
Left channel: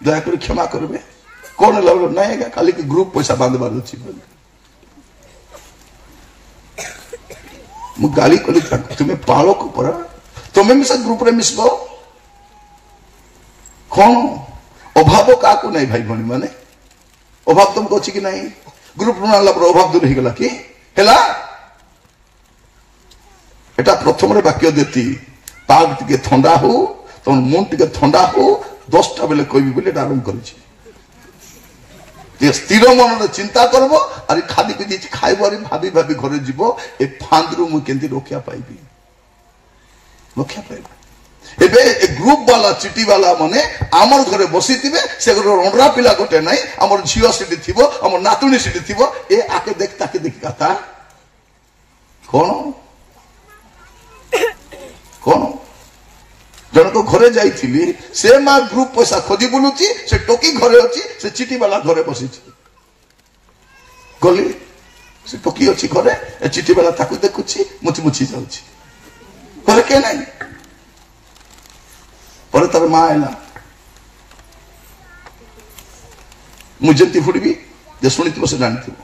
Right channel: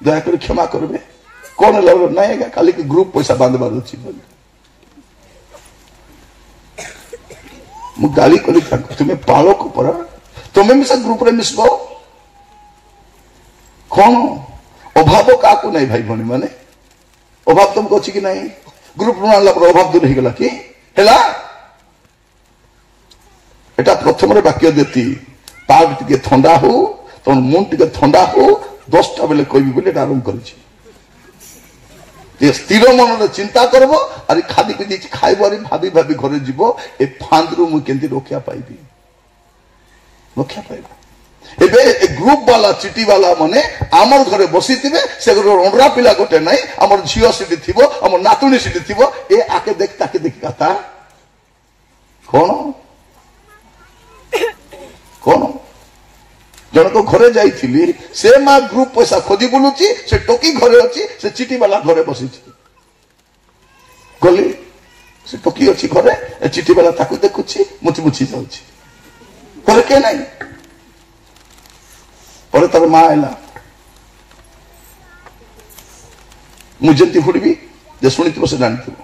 ଦୟାକରି କ୍ଷମା କରିବେ କଣ ହେଲା ନାହିଁ ଆଜ୍ଞା କାଲିକି ଗ୍ରୁପ ପଇସା ବାନ୍ଧବାର ଅଛି ବୋଲି ମୁଁ ଗାଳି କଲି ତୁମେ ପାଳକ ପରା ତୁମେ ବି ସେ ଗ୍ରୁପରେ ମିଶିବ କଣ ଅଭାବ କାହାକୁ ନାହିଁ ଭାଇ ଭଉଣୀ ମାନେ ଅଭାବ ତମକୁ ଅଛି କି ନାହିଁ ଗ୍ରୁପ ଋଣ ଆଣିଲା ପରେ ଅଭାବ ଦୂର ହେଇଗଲା କି ହେଲା এটা প্রথমের বাক্য দেতি পাগ টিকে ঠান্ডা হো তখন মন টিকে ঠান্ডা হো 10টা বেলে কইবি বলে এটা আরম্ভ করেছি যে স্থির মনে চিন্তা করব আর খাদি পিদি খাইব আর ভাবি ভাবি ঘরে যাব এ ফাঁদরু মু কেন্তি রক্ষা পাইবি এবে গ্রুপ বালা চিটি বালা মানে আমার ঘরে বসিথিবে সে রন্ডরা পিলা গোটে নাই আমার ঝিও সেটি থিব আমার নাতুনি সেটি থিব এ আকে দেখ তাকে দেখি কথা কোন কোন জনক ঘরে যাইছিলি সে মা গ্রুপ পয়সা খোঁজি বুলুছি সে টকি ঘরে অছি সে চিটি বালা ঘরে বসিছি গলি সে টকি অছি ঘরে চিটি বালা তাকে দেখুছি মুচি মুচি যাଉଛି ঘরে কে নাই পরে তার মা এলা ମୁଁ ଯେମିତି ଫୁଟିବି ଯେ ଶୁଣିଥିବ ସେ ଜାଣିଥିବ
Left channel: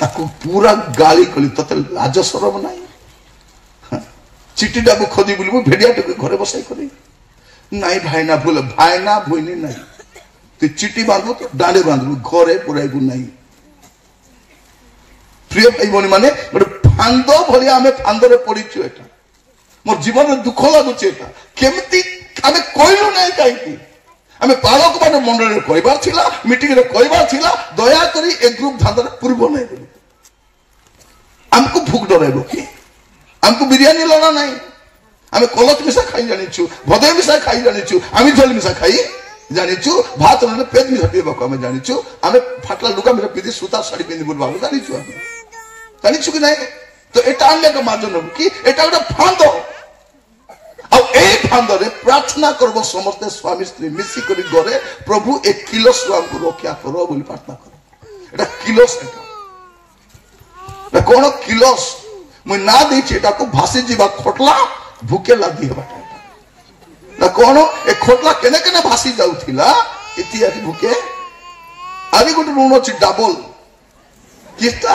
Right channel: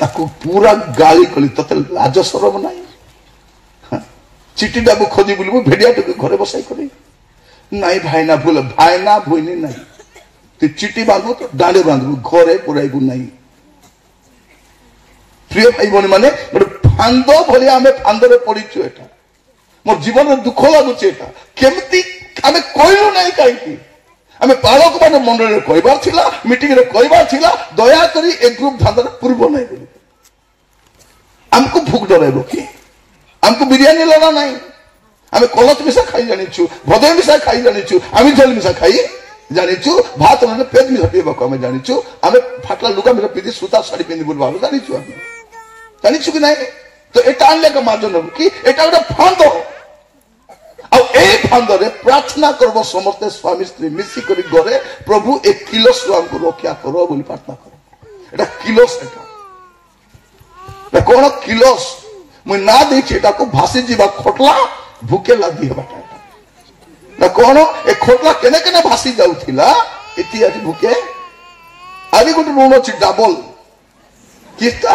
ତାକୁ ପୁରା ଗାଳି କଲି ତତେ ଲାଜ ସରମ ନାହିଁ ଚିଠିଟାକୁ ଖୋଜି ବୋଲି ମୁଁ ଭେଡିଆଟାକୁ ଘରେ ବସାଇ କଲି ନାଇଁ ଭାଇନା ଭୁଲ ଭାଇନା ଭୁଇନି ନାହିଁ ତୁ ଚିଠି ବାନ୍ଧୁ ଦାଣ୍ଡେ ବାନ୍ଧିବୁ ଘରେ ପୁରାଇବୁ ନାହିଁ ପ୍ରିୟ ଭାଇ ଭଉଣୀ ମାନେ ଗୋଟେ ଫାନ୍ଦ ଭଳିଆ ଆମେ ଫାନ୍ଦରେ ପଡିଛୁ ଏଟା ମୋ ଜୀବନରେ ଦୁଃଖ ଲାଗୁଛି ଏଟା କେମିତି ଆମେ କହିଲୁ ନାହିଁ କାହିଁକି ଆମେ ପାଳକ ମାନେ ମଣ୍ଡଳୀରେ କହିବାର ଥିଲା ମିଟିଂରେ କହିବାର ଥିଲା ଦୟାକରି ଏ ଗ୍ରୁପ ଧାନ୍ଦାରେ ପୂର୍ବ ନାହିଁ ବୋଲି ଆମକୁ ଭୁକ ଡରାଇବ କି ଆମକୁ ବିରିୟାନୀ ଲଗା ନାହିଁ ଆମେ କଲତ ମିଶା ଖାଇ ଜାଣିଛୁ ଭଦୟ ମିଶା ଖାଇ ଜାଣିଛୁ ଆମେ ଝାଲ ମିଶା ଖାଇ ଜାଣିଛୁ ଭାତ ନେଲେ ପେଜ ମିଶା ପିଇବାକୁ ଆମେ ଜାଣିଛୁ ଆମେ ଫାଟଲା ଲୁଗା ମିଶା ପିନ୍ଧି ସୂତା ଶାଢୀ ପିନ୍ଧି ବୁଲବାକୁ ଜାଣିଛୁ ଆମେ ଜାଣିଛୁ କି ନାହିଁ ତ ଏଟା ଆଣିଲେ ଏକ ମାର୍ଜ ନେବୁ କି ଏଟା ଗୋଟେ ଫାନ୍ଦ ଆଉ এই ফান্দরে প্রার্থনা করব সমস্ত স্বামী স্ত্রী মিশি করে ঘরে প্রভু এই কিলস আমাকে রক্ষা করো বলে প্রার্থনা করো এটা কিলস এটা কোন কিলস মুই না দেখছি এটাকে ভাসি যা খোটলা ভুকে লাদি হেবা না কোন এ খোটলা কেনে কেনে ভাসি যাউথিলা ইতিহাস ভুকে আদি গোটে ঋণ আছে ডাবল কিতা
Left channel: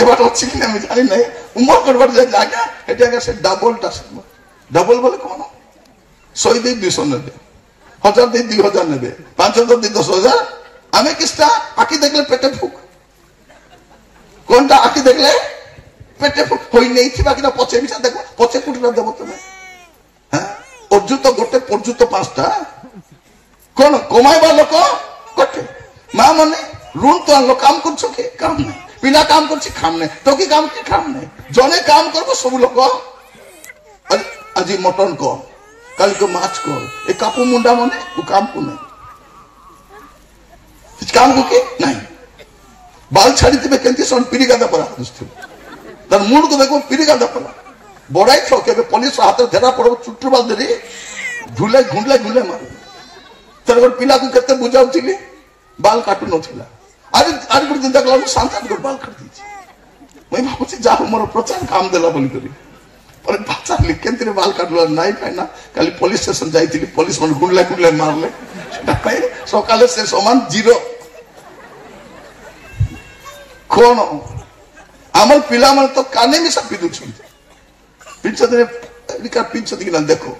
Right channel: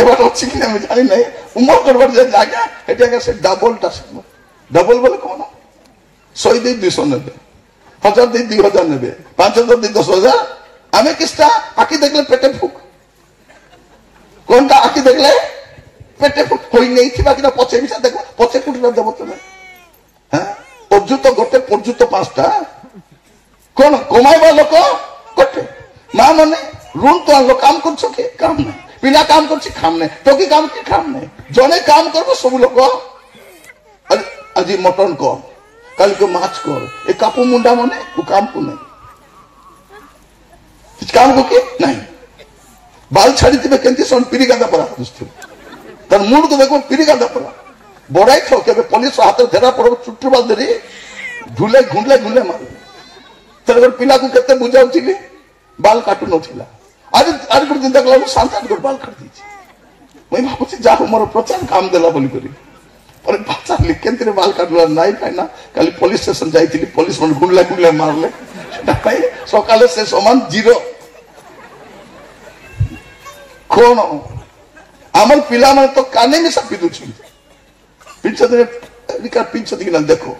এবার হচ্ছে কি আমি জানি নাই উমর করবার যে জায়গা এটা সে ডাবলটা डबल बोले कौन 100 दे 200 नेबे 1000 दे 2000 नेबे 5000 दे 10000 आमे किसटा आकी देखले पेटे फुक कोनटा आकी देखले पेटे फुक होई नहीं थिबा कि पछे बिसा देखो पछे कुटरा देबो तमे हैं अजुत गोटे पर्जुत पांचटा कोन कमाइबा लोक गोटे मा माने ऋण तो आलो काम करछो के काम नहीं बिना काम करछि काम नहीं टोकी काम के काम नहीं जने काम करबो सब लोक आज मटन कर कल के माछ कर ए कापू मुंडा माने वो काम को नहीं काम को के नहीं बाल छाड़ी थे केंती सन पीड़ी गादा पड़ा दोस्तों तर मुंड को देखो पीड़ी गादा पड़ा बड़ाई थो के पुलिस हाथ धरा पड़ो चुट्टू बाल धरी झूले घुंडले झूले मार तर पिला को केते बुझाउथिली बाल काटू नथिला आज आज दिन तक शांत कर बाल काट दीची मैं भाबुची जा मोर प्रचार काम देला बोली करी और बाचा लिखेंती बाल काटला नहीं पाइना कल पुलिस स्टेशन जाइथि पुलिस मन गुंडला गुंडला मारले नहीं सकाले से समान जीरो कोन आमर पिला मन तो काने में सब पिदु छन पिंचते एलिका पिंचते कि देखो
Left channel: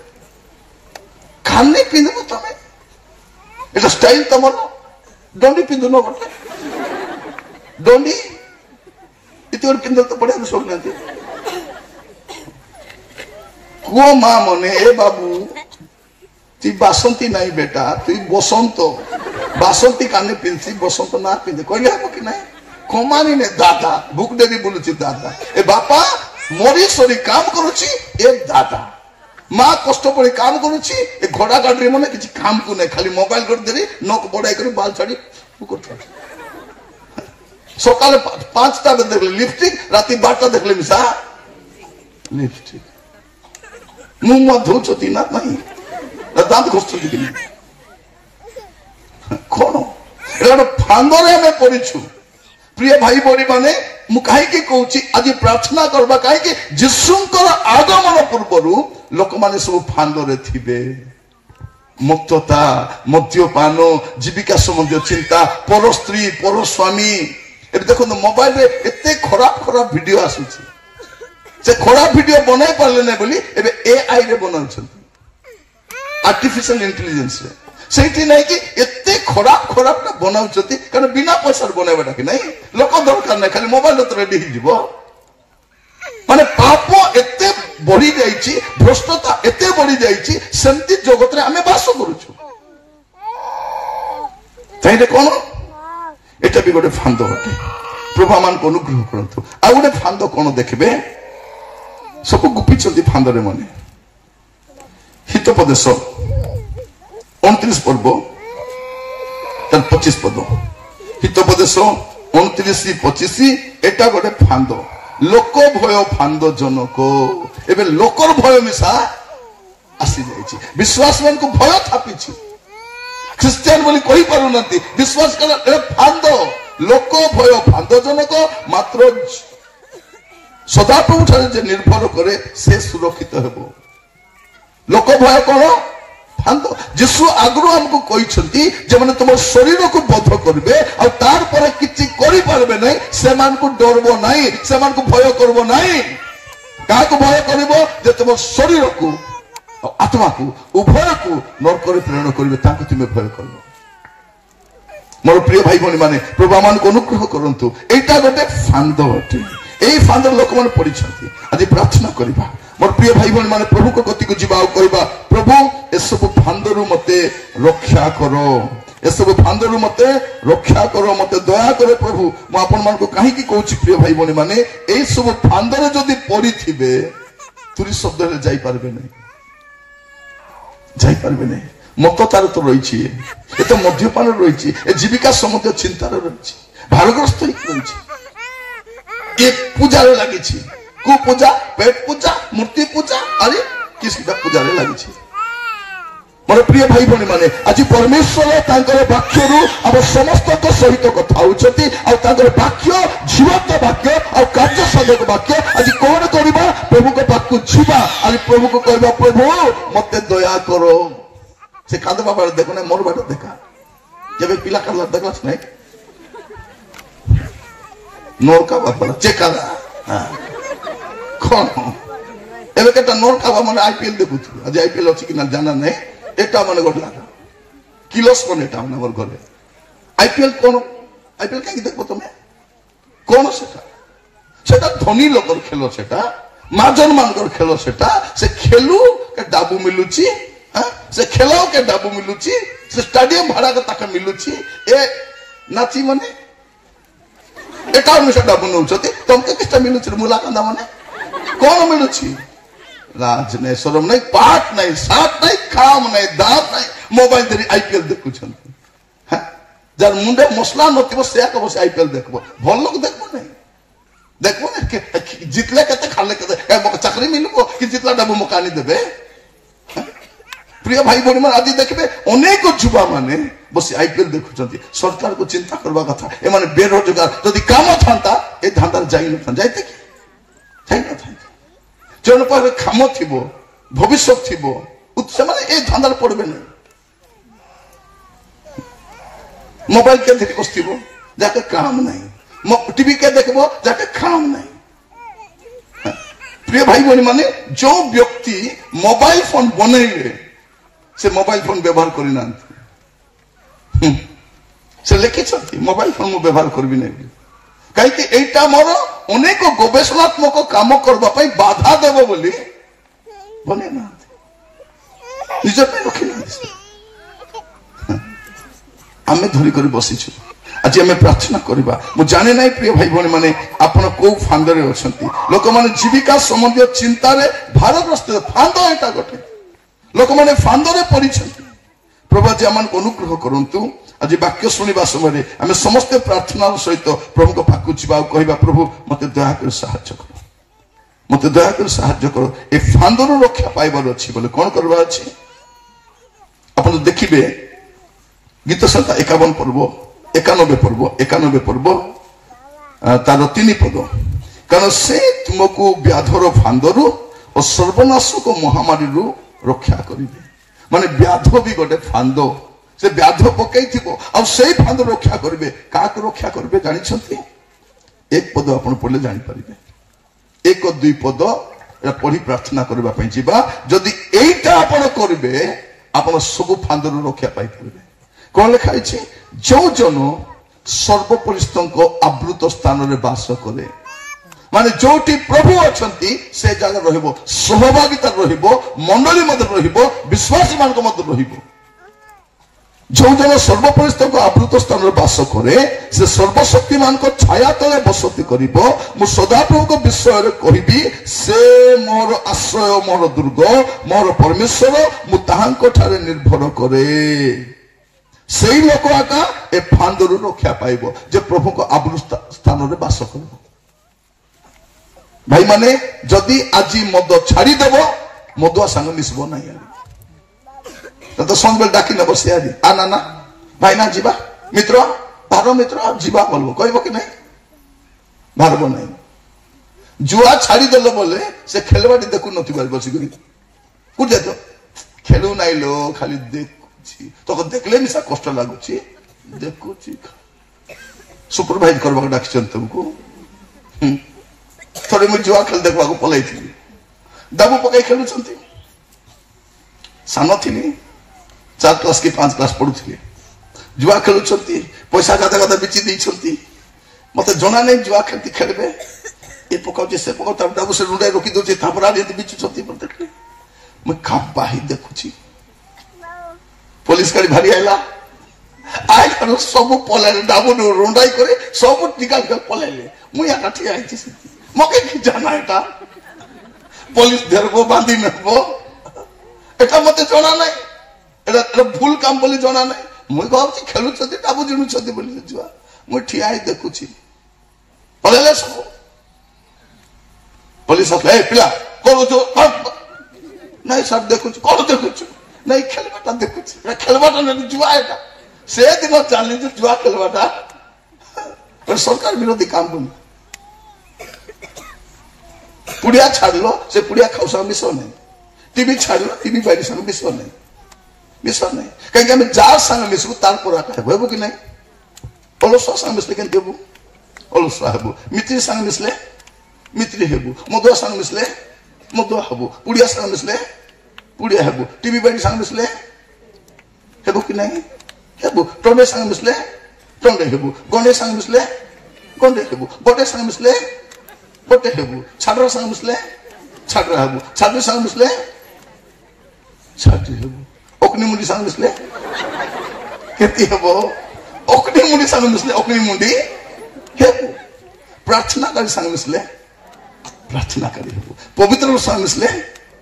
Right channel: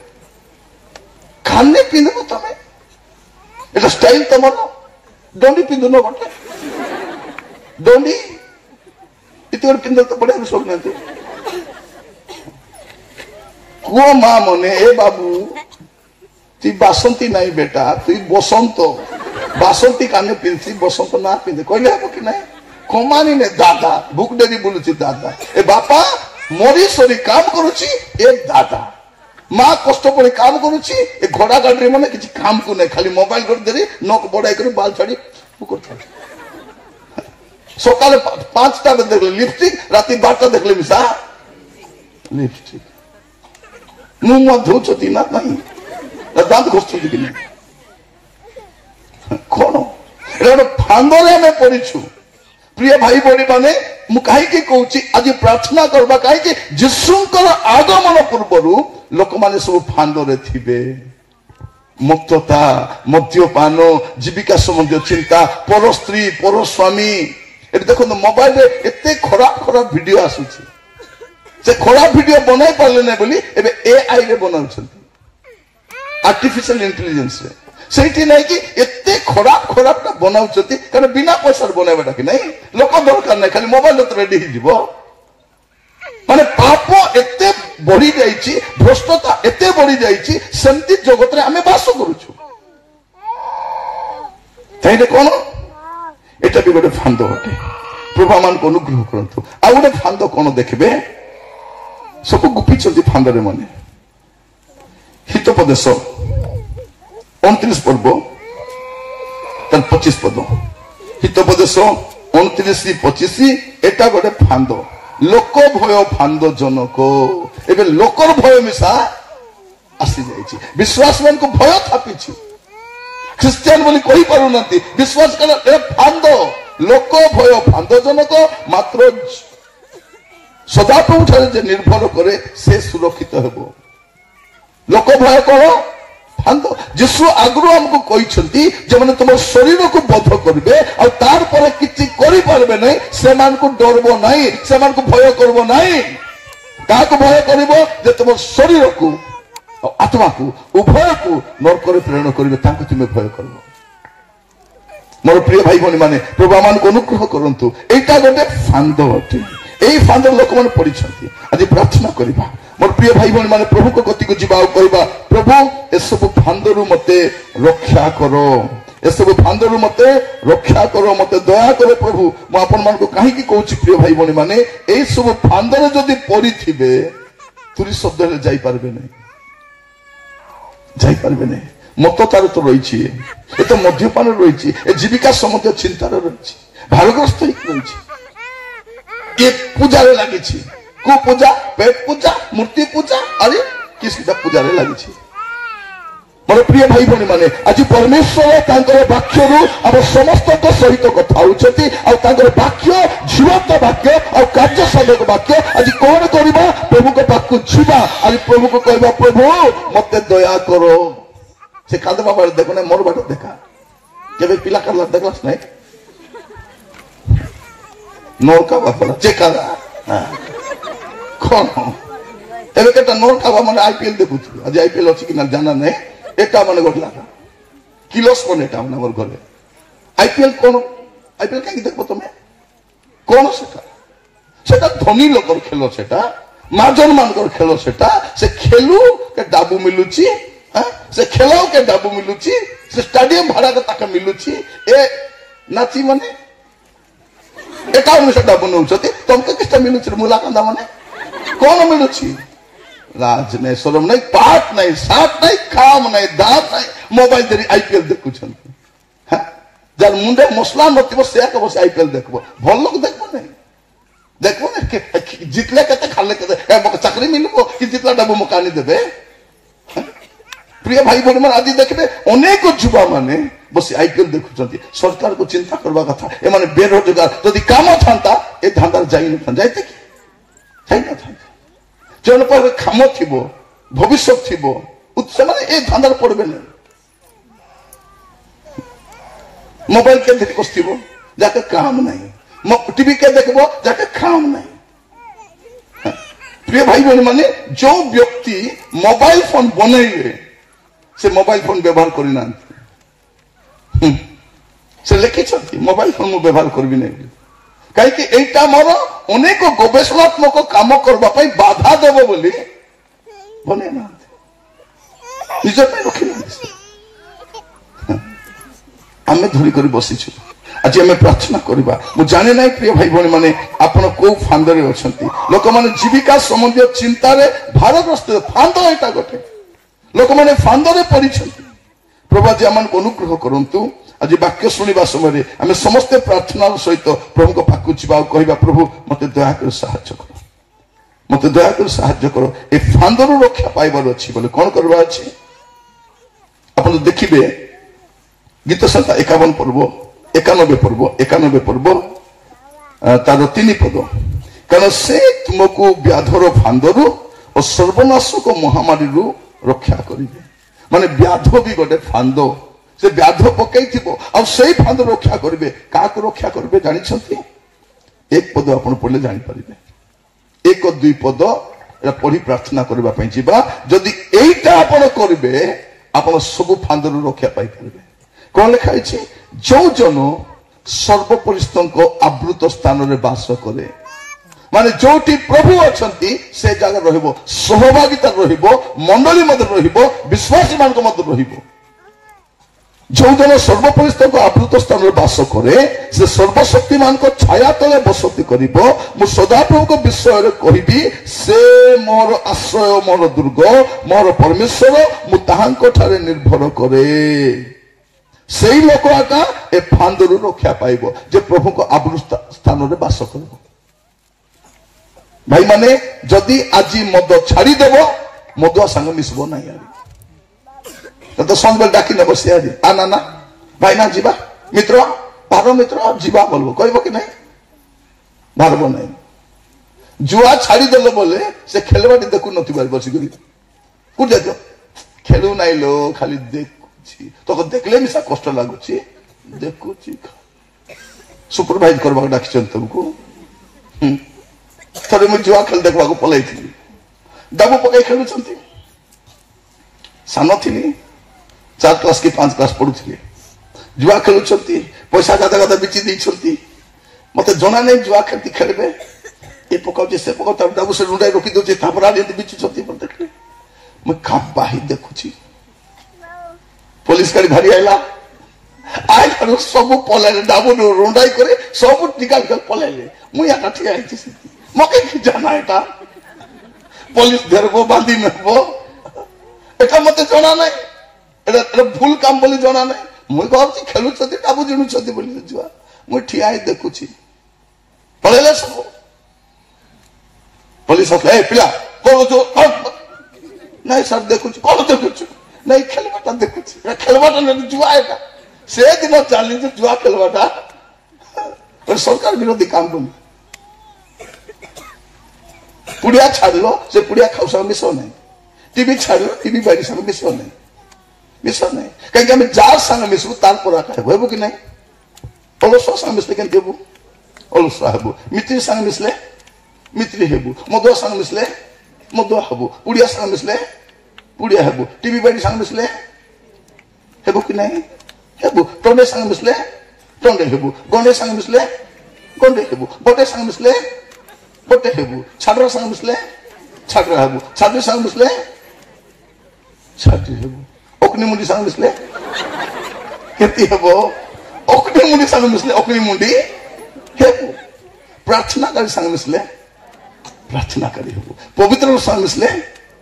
काने पिंदु तमे एटा स्टाइल तमर डोंडी पिंदु न गटे डोंडी इतोर पिंदु तो पड़े सब नते कुओ माँ मने ए बाबू ती बासंती नहीं बेटा तुई बसंत बासंती काने पिंधि बसंत ना पिंधे कहले हम कि नहीं कमानी ने दादा बुक देरी बोलुची दादा ए बापा मरी सरी काम करुची ए दादा माँ कष्ट पड़ी काम करुची ए घोड़ा गाड़ी मैंने किसी काम को नहीं खाली मोबाइल कर देरी नक बड़ा कर बाल छाड़ी सकाल 5टा देखले लिपस्टिक राति 12टा देखले मिसा लिपस्टिक मुंह धोचती ना नहीं दांत घोषुची कि नहीं कौन एटा फांदरे आम पड़ीछु प्रिय भाई बहनी माने मु कहीं कहूँ आज प्रार्थना करबा कहीं जीशुंकर आगमन पूर्व लोक माने सब फांदरे थिबे मुक्तता मद्यपान जीविका संबंधी चिंता पर स्त्री पर स्वामी देखो मोबाइल रे एते खराब खराब वीडियो आसुची से खराब वीडियो बनाई पारे ना बोली एबे एआई रे बनाउछंती आर्टिफिशियल इंटेलिजेंस रे सेठी नहीं कि एते खराब खराब बनाउछंती कारण बिना पैसा बनाइबाटा कि नहीं लोक दरकार नहीं खाली मोबाइल तो रेडी ही जीवो माने पाप एते बढ़ी जाइछि भ्रष्टता एते बढ़ी जाइछि सेमती जगत रे हमें वास करूछु ताइले कोन एटा भी गोटे फांद होते प्रभु मान को अनुग्रह करंतु आ गोटे फांद कोन देखबे सब गुपी चलती फांदरे माने हितोपदेश 29 पर्व 25 पद हितोपदेश 29-25 एटा गोटे फांद लोक भय फांद जनक एबे लोकर भय मिसा आसी जाइछि विश्वास मान को भय थापिछि ख्रिस्टियन बोली कहि पारु नथि विश्वास कर ए फांद लोक भय फांद जनक मात्र सदाप्रभु ठारे जे निर्भर करे से सुरक्षित हेबो लोक भय कोन फांद यीशु आगु हमको कहिसंती जे माने तुम शरीर को बध करबे आ तार पर किछि करि पारबे नै से मान को डरबो नै से मान को भय करबो नै का को भय करबो जे तुम शरीर को आत्मा को उभय को नरक रे प्रेरण करबे ताको तुम भय करबो मोर प्रिय भाई भनी माने प्रभु मान को अनुग्रह करंतु एटा गोटे फांद अटे एई फांद लोक मान पड़िछंती आज प्रार्थना करबा मोर प्रिय भाई भनी माने प्रभु को गति को जीवा कहबा प्रभु ए सब फांदरु मते रक्षा करो ए सब फांदरु मते रक्षा करो मते दया करो प्रभु म आपन मान को काहे की कहूची प्रिय भाई भनी माने एई सब फांदर जदी पड़ी थिबे तुरी शब्द रे जाई पारबे नै जाई पारबे नै मत तार तो रही ए तो मद्यपान रही ए जीविका संबंधी चिंतार रही भारग्रस्त रही ये पूजा लगी को पूजा पेट पूजा मूर्ति पूजा अरे किसका पूजा लगी मोर प्रिय भाई भनी माने आज परमेश्वर तांकर वाक्य आम समस्त सहित कथा होउछती आ तांकर वाक्य जीवंत वाक्य और कार्य साधक वाक्य आज कौन करबा प्रभु के पाक को जीवा आज प्रभु को कहबा प्रभु मते दया करो से कांदबा बारे देखो ना मोर बाटे देखा जब पिला करला देखलास नहीं नोर का बापला चेकाला कोन एबे केटा नोर का माने आईपीएल देखुछु आज आईपीएल अछि कि ना जाना नहीं एटा माने गटला किलोस कोन एटा माने मोर घरे आईपीएल कोन आईपीएल काई देखबो तुमे कोन सेटा धनी लोकर खेलो सेटा माजन मानकर खेलो सेटा से खेलू के डाबू मिलुची से खेलाओ के डाबू मिलुची से स्टेडियम भाड़ा के ताका मिलुची ए नाची माने एटा अनुसार डाबू नउछती तुमको किस्ता मिलुची मुला कांदा माने कोन मिलुची लाज नहीं शरम नहीं पाठ नहीं साथ नहीं काम नहीं दांत नहीं मोबाइल देरी आईपीएल देखुछंती जार मुंडे मसला नथिबो से तो बस आईपीएल देखबो भल लोग देखबो नहीं देखबो ना जितले केते खाले केते चाकरी मिलबो कि जितला डाबू मकानी देबे प्रिय भाई बहन मान आदि देखबे अनेक युवा माने बस आईपीएल देखुछंती सरकार को चिंता करबा कथा ए माने बेरोजगार यदि काम थांता ए धांदा जाई न था जाईते कि जाई न था जन पर काम थिबो भविष्य थिबो उत्सव माने ए धांदा पड़बे न मोबाइल के धरि बसथिबो जाके काम नहीं टीवी के देखबो जाके काम नहीं प्रिय भाई बहन माने जो व्यक्ति मोबाइल फोन बनाइले से मोबाइल फोन व्यवहार करना से लिखी मोबाइल फोन व्यवहार करी ना कहीं एटा मोर अनेक गवेषणात्मक काम करने बाधा देव बोली बने ना निज रखी आम धरिक बसीचु आज आम प्रार्थना करवा मु जाने ना प्रिय भाई भाई मैंने आपण कौ फांदे अच्छा लोक मैंने जीविका संबंधी चिंतार भारग्रस्त फांद एटा गोटे लोक मैंने फांदे पड़ी प्रभु आज आम अनुग्रह करंतु आज वाक्य शुणा समय आम समस्ते प्रार्थना सहित प्रभु को पाक जा कहवा प्रभु मत दयाकर साहाय्य कर मत दयाकर साहाय्य कर ए फांदर रक्षा पाइबार अच्छी बोले कौन करवा अच्छी आप देखिए गीत संहिता 51 पर्व 91 पर्व तार 3 पद कारण से तुमको व्याधर फांदरू और सर्वनाशक महामारी रक्षा करेंगे माने व्याध भी गोटे फांद से व्याध पकई से फांद रक्षा करेंगे क्या रक्षा करेंगे जानी एक पद आप पढ़ले जानीपारे 1-2 पद पढ़ी प्रार्थना करने जदि यहीटा आप करेंगे आप सब फांदर रक्षा पाई कौन लिखाई जो जन सर्वपरिस्थ आवृत स्थान में बास करे माने जोटी प्रभु अच्छा से जगह रहिबो सहभागिता रहिबो मंडली मध्य रहिबो विश्वासी मान मध्य रहिबो जो जन सर्वपरिस्थ आवृत स्थान में बास करे से सर्वशक्तिमान को छाया तले बसती करिबो मु सदाप्रभु को विषय कहिबी से मोर आश्रय मोर दुर्ग मोर परमेश्वर मु ताहांको ठारे निर्भर करे से लोक आका ए फांदरू रक्षा पाइब जे प्रभु को आवृत स्थान में बास कर भाई माने जदि आज मद छाड़देव मदुआ सांग मिसब ना तो सब डाकी नब सी आज आ ना भाई ना जीवा मित्र भार मित्र जीवा बोल कह कि नहीं भारब ना जुआ छाड़देल बोले से खेलवाटी देखु न बसिक कौट जात खेलू ना लो खाली देखुची तो देखले मिसा कष्ट लगुच देखुची सुपरभाइज करवा डाक तुमको थोड़े मुझे जुआ खेल देखा पलाई थी दाबू पकई खेलुं सान थी 4 क्लास की 5 क्लास पढ़ुली जुआ खेलुं पैसा गादा गादा बिची देती मत जना नहीं जुआ खेलती खेलबे ये पकाऊ से पकाऊ दाबू से रुंडाई रोकी दौर बिचुंट देखले मुझे बाही देखुची पुलिस गाड़ी भारी आईला आए सब पलाइले दाबू रुंडाई करे सब निकाल कर पलाइले मुझे ठिया मके जाना एटा पुलिस देर को बांधी नबो एटा मते जना नहीं एटा भूल काम बोली जना नहीं मुई भाबची खेलु छथि दाबू जिणु छथि बोली जुआ मु ठिया ही देखुची पलेले सब पुलिस ए पिला को तो नहीं सर देखुची कोन देखुची नहीं खेलबाटा देखुची खेलबाटा नहीं जुआ एटा से दिन चली जो जुआ खेलबाटा और सरकार विरोधी काम बोली पुड़िया छाड़ो से पुड़िया खाऊ संग मिस नहीं टीवी छाड़ो टीवी बाड़ी संग मिस नहीं कहीं जार संग मिसबू तार पर कि नहीं अलसुआ संग मिसले के देबू अलसुआ हेबू मित्री संग मिसले मित्री हेबू मदुआ संग मिसले मदुआ हेबू पुड़िया संग मिसले पुड़िया हेबू टीवी बाड़ी संग मिसले हेबू कि नहीं हेबू टंडे संग मिसले टंडे हेबू गंडे संग मिसले गंडे हेबू बटे संग मिसले बटे हेबू छाड़ संग मिसले छाड़ हेबू छाड़ संग मिसले छाड़ हेबू ओकनी मुंडी संग मिसले केती हेबो ओकनी मुंडी संग मिसले ओकनी मुंडी हेबू प्रार्थना करी संग मिसले प्रार्थना करी हेबू पवित्र संग मिसले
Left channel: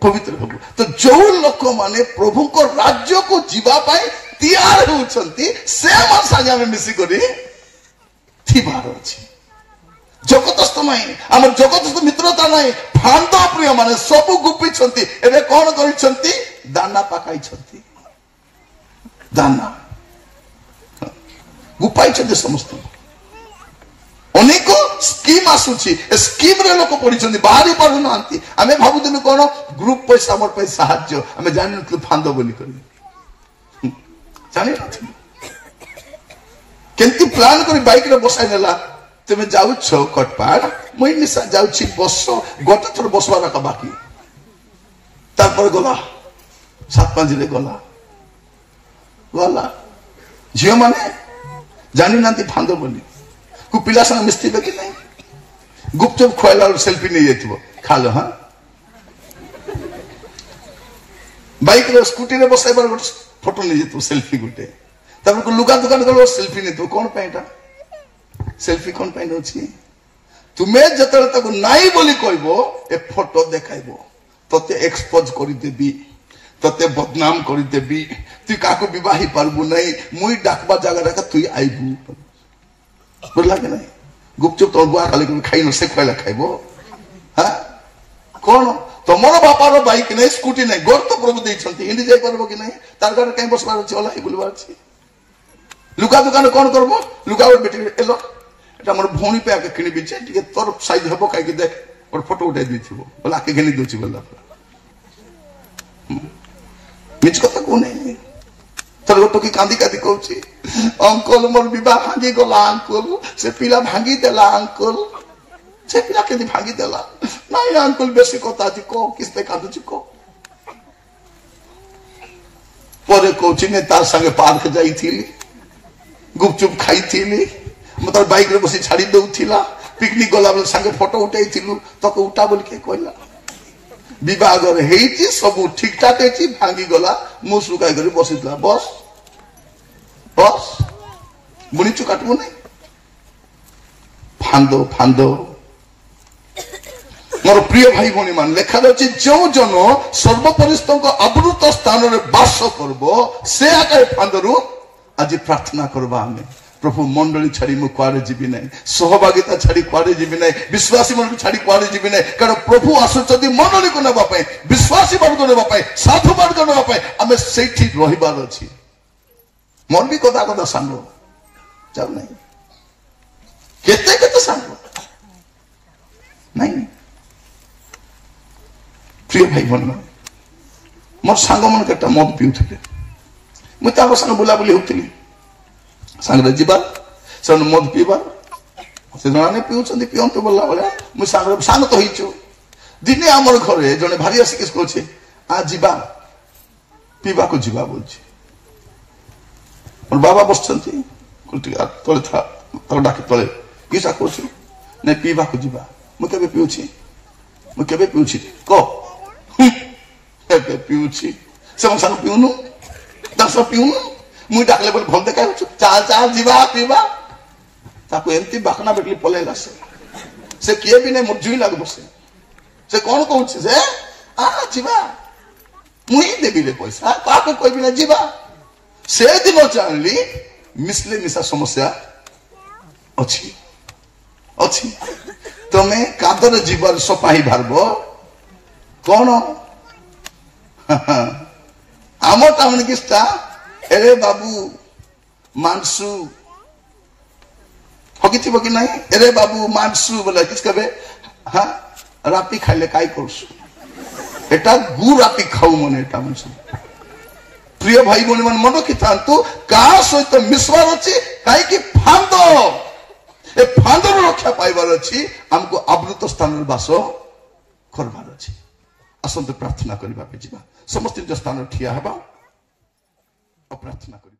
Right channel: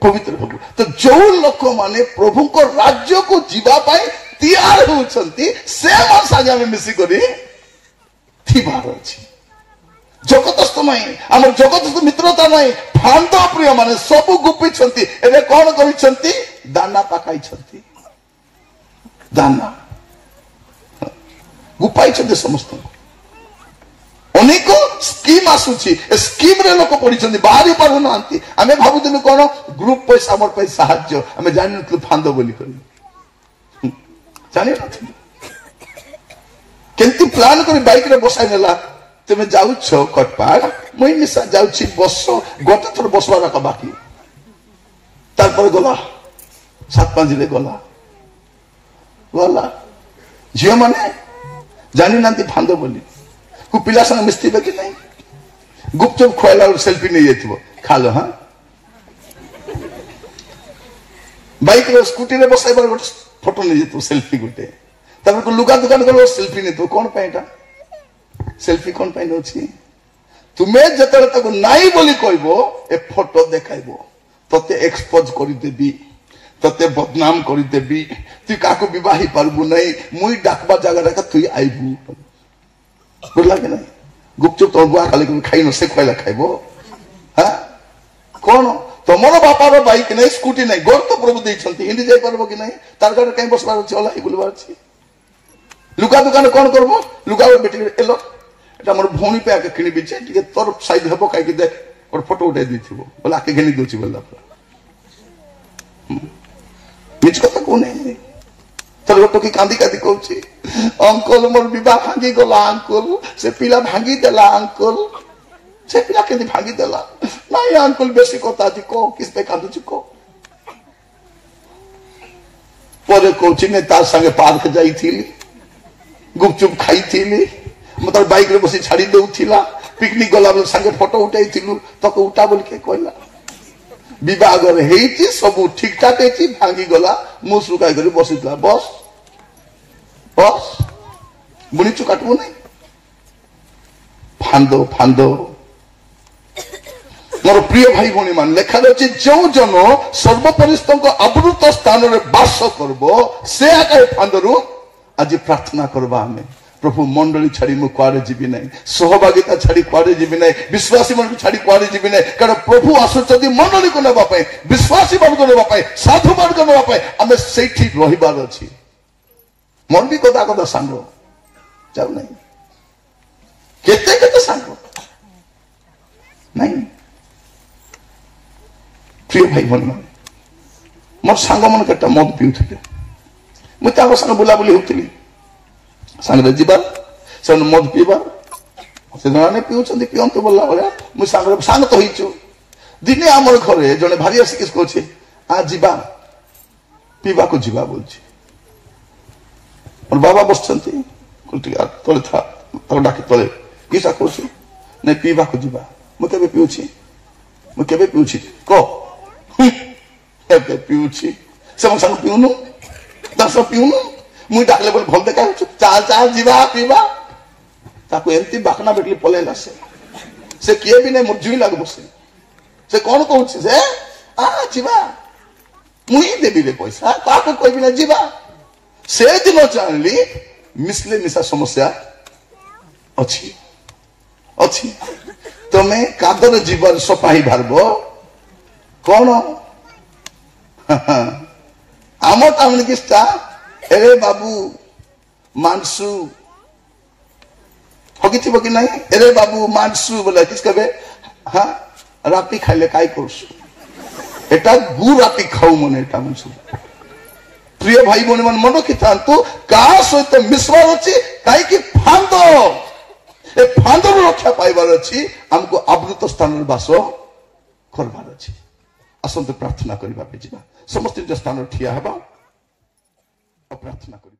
पवित्र हेबू तो जो लोक माने प्रभु को राज्य को जीवा पाए तैयार होचंती से मां साजा में मिसी करी थी बार अछि जगतस्थ नहीं आम जगतस्थ मित्रता नहीं फांद प्रिय माने सब गुपी एवं कौन कर दाना पकाई दाना गुपाई समस्त अनेक स्कीम आसूची स्कीम रे लोक पड़ी बाहरी पारु ना आम भावुलु कौन ग्रुप पैसा मोर साहाय्य आम जान फांद बोली जानी केमती प्लान कर बाइक रे बसाई नेला तुम जाऊछ कटपाड़ मुई निशा जाऊँ बस गोटे थर बसवार का बाकी तार गला 7-5 गला गला झील मैंने जानी ना फांद बोली को पिला संग मिस्ती कि नहीं गुपचुप खुआला सेल्फी नहीं जाइए खा लो हाँ बाइक स्कूटी रे बसाइबार गोटे फोटो नहीं जेतु सेल्फी गोटे तापर लुगा दुकान कर सेल्फी नहीं तो कौन पाइटा सेल्फी कौन पाइ नछि तुमे जतले ताको नाई बोली कहबो ए फोटो देखाइबो तते एक्सपोज करि देबी तते बदनाम करि देबी तू काको विवाही परबु नहीं मुई डाकबा जगह रे तू आइबू बोला के नहीं गुपचुप तो बुआ खाली खाइ न से खइला खाइबो हां कौन तुमर बापार बाइक नहीं स्कूटी नहीं गोर तो प्रभु देइछंती हिंदी जाय करबो कि नहीं तार गाड़ी कहीं बसबार अछि होला ही बुलबार अछि लुका दुकान कौन करबो लुका बेटी एलो एटा हमर भौणी पे आके किनि बिचे टिके तोर साइज हेबो काई के देख और फोटो उठा दिथिबो बोला आके घेनी दोछि गला मिछ कथा को नहीं तोर गोटो की कांदी कांदी कहउछि अंकल मोर विवाह भांगी गला अंकल से पिला भांगी देला अंकल से पिला के भांगी देला नहीं अंकल बेसी कथा जी को किसते कादु जी को परे कोची ने तार संगे पार्क जाई थी गुपचुप खाई थी मतलब बाइक रे बसी छाड़ी दउ थिला पिकनिक गला बेल संगे फोटो उठाई थिलु तो को उठा बोल के कहला विवाह रे हेची सब ठीक ठाक हेची भांगी गला मुस रुकाई करी बसितला बस बस मुनि चुकाटबो नहीं फांदो फांदो मोर प्रिय भाई भौणी मान लेखा जाउछि जो जन सर्वपरिस्थ को आवृत स्थान रे वास करबो से आकार फांदरु आज प्रार्थना करबा हमें प्रभु मंडली छाड़ी मु कुआरे जीवी नहीं सहभागिता छाड़ी कुआरे जीवी नहीं विश्वासी मन छाड़ी कुआरे जीवी नहीं कारण प्रभु आसुचदी मंडली को नेबा पय विश्वासी मन को नेबा पय साधु मन को नेबा पय हमें सेठी रहिबार अछि मन भी कदा कदा सांडो जाऊ नहीं केते केते सांडो नहीं प्रिय भाई भौणी मोर सांग मन कटा मद पिउथिले मु तार संग बुला बुली होतिली सांगरे जीवा सन मद पीवा से जने पिउछंदी पियंतु बोला बले मु सांग तो हिचु दिने हमर घरे जने भारी आसी किस कहछे आ जीवा पीवा को जीवा बोलछे और बाबा बसछंती कुलटी तळे था तर डाके तळे किसा कहछे ने पीवा को जीवा मु केबे पिउछि को केबे पिउछि से संग पिउनु दस पिउनु मु डाकले बोल भल देखा चाल चाल जीवा पीवा ताको एमती बाकना बेटली पलेला से किए भी नहीं मुजुई लाग बसे से कौन कहूँ से आ जीवा मुई देवी रे पैसा ताको कोई भी ना जीवा से दिन जानली मिसले मिसा समस्या अच्छी अच्छी तमे कादर जीवन सपाही भारबो कौन आमो टामन किस्ता एरे बाबू मानसू हगिथि कि नहीं एरे बाबू मानसू बोला किस कबे हाँ रापी खाइले काई करसु एटा गु रापी खाऊ मने एटा मानसू प्रिय भाई भौणी मन मन रखिथांतु का सहित मिसवार अछि काई कि फांदो ए फांदो रक्षा पाइबार अछि हमको आवृत स्थान रे वास करबार अछि असंत प्रार्थना करिबा पे जिबा समस्त जो स्थान ठिया हेबा प्रार्थना करिबा।